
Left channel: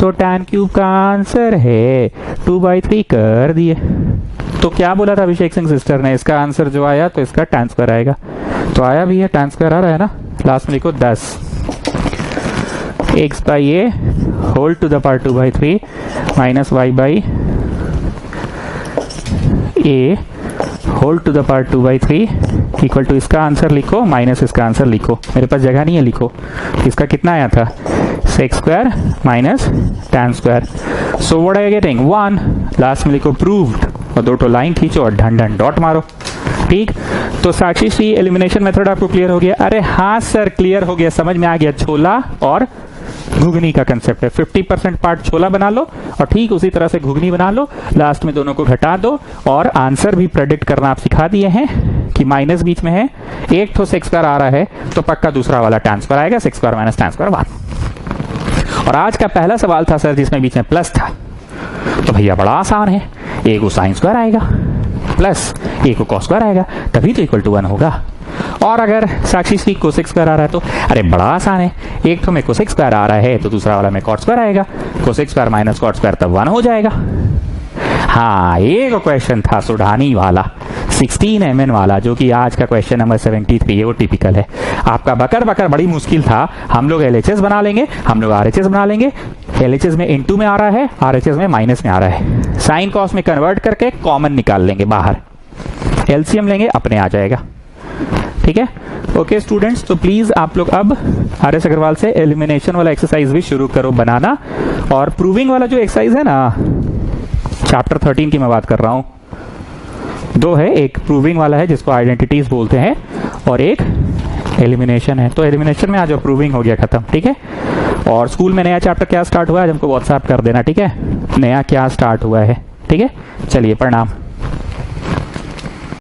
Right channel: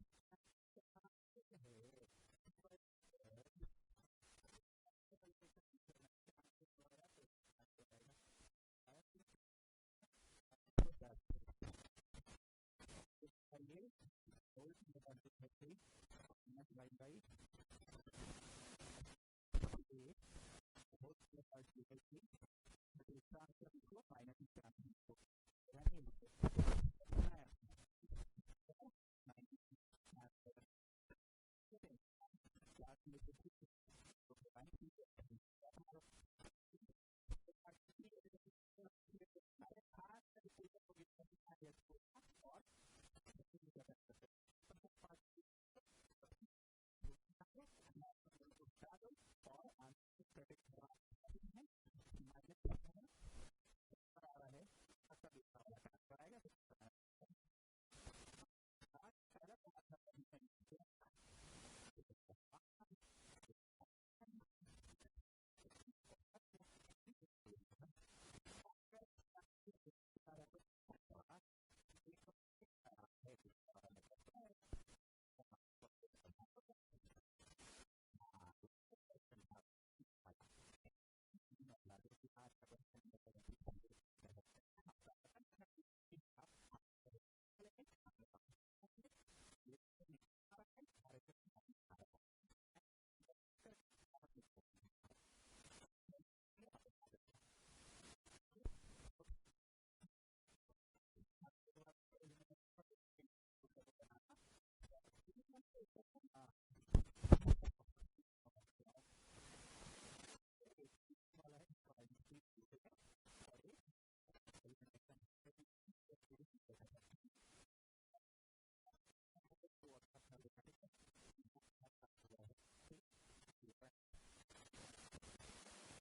तो tan क्यूब का आंसर है 2/3 कर दिए। तो क्या बोला था अभिषेक सिंह सिस्टर ने, इसका आंसर जो आया तो इसका tan स्क्वायर आएगा, तो आया भी है, tan स्क्वायर आ रहा है ना, लास्ट में लिखो 10 x by a whole to the power 2/3 minus y by a whole to the power 2/3 equal to, इसका आंसर लिखो माइनस इसका आंसर लिखो, मेरे पास जगह नहीं है, लिखो इसका कितना आया था sec square minus tan square, so what are you getting 1, last में लिखो प्रूव्ड और 2 लाइन खींचो और ढन ढन डॉट मारो। ठीक, तो साक्षी श्री एलिमिनेशन मेथड आपको क्लियर हो गया। अरे हाँ सर क्लियर हो गया, समझ में आ गया, छोला और घुगनी का कंसेप्ट है, 50% पार्ट छोला बना लो और ठीक उसी तरह से घुगनी बना लो, लास्ट में दोनों को घटा दो और आंसर भी प्रेडिक्ट करना आप सिखा दिए हैं कि माइनस बीच में है, एक तो सेक्स स्क्वायर आ रहा है तो पक्का दूसरा वाला tan स्क्वायर आएगा, sex square minus tan square 1। और आज का पहला सवाल था सर जिसमें बीच में प्लस था, तो भैया बड़ा आसान है, एक को साइन स्क्वायर आएगा प्लस एक को कॉस स्क्वायर आएगा तभी तो इक्वल टू 1 होगा। और अगर साक्षी श्री कोसेक स्क्वायर आ रहा है तो अरे बड़ा आसान है, एक तो में कोसेक स्क्वायर आ रहा है तो दूसरा वाला में कॉट स्क्वायर आएगा, cosec square minus cot square तब 1 हो जाएगा। हाँ एक क्वेश्चन था सुढ़ानी वाला 16 mm वाला, जो कि आज का क्वेश्चन नंबर 73 है, वो टिपिकल है आपका। बकर बकर बड़ी मुश्किल था, हम लोग LHS बना लेंगे, हम लोग RHS बना लेंगे, LHS में इनटू में आ रहा है, RHS में माइनस में आ रहा है, साइन कॉस में कन्वर्ट करके कॉमन निकाल लेंगे बाहर, LCM लेंगे अपने आ जाएगा। ठीक है ओके स्टूडेंट्स, तो प्लीज आप लोग अब RS अग्रवाल से एलिमिनेशन वाला एक्सरसाइज भी शुरू करो बनाना, और प्रूविंग वाला जो एक्सरसाइज है ना चैप्टर 13 की मैं बात कर रहा हूं, 2 है, एक प्रूविंग वाला है जिसको आइडेंटिटीज बोलते हैं और एक एलिमिनेशन है। तो एलिमिनेशन में आज प्रूविंग हो गया खत्म। ठीक है, और स्कूल में नया चैप्टर क्या स्टार्ट हुआ है हमको व्हाट्सएप कर देना। ठीक है, नया क्या स्टार्ट हुआ है। ठीक है, चलिए प्रणाम।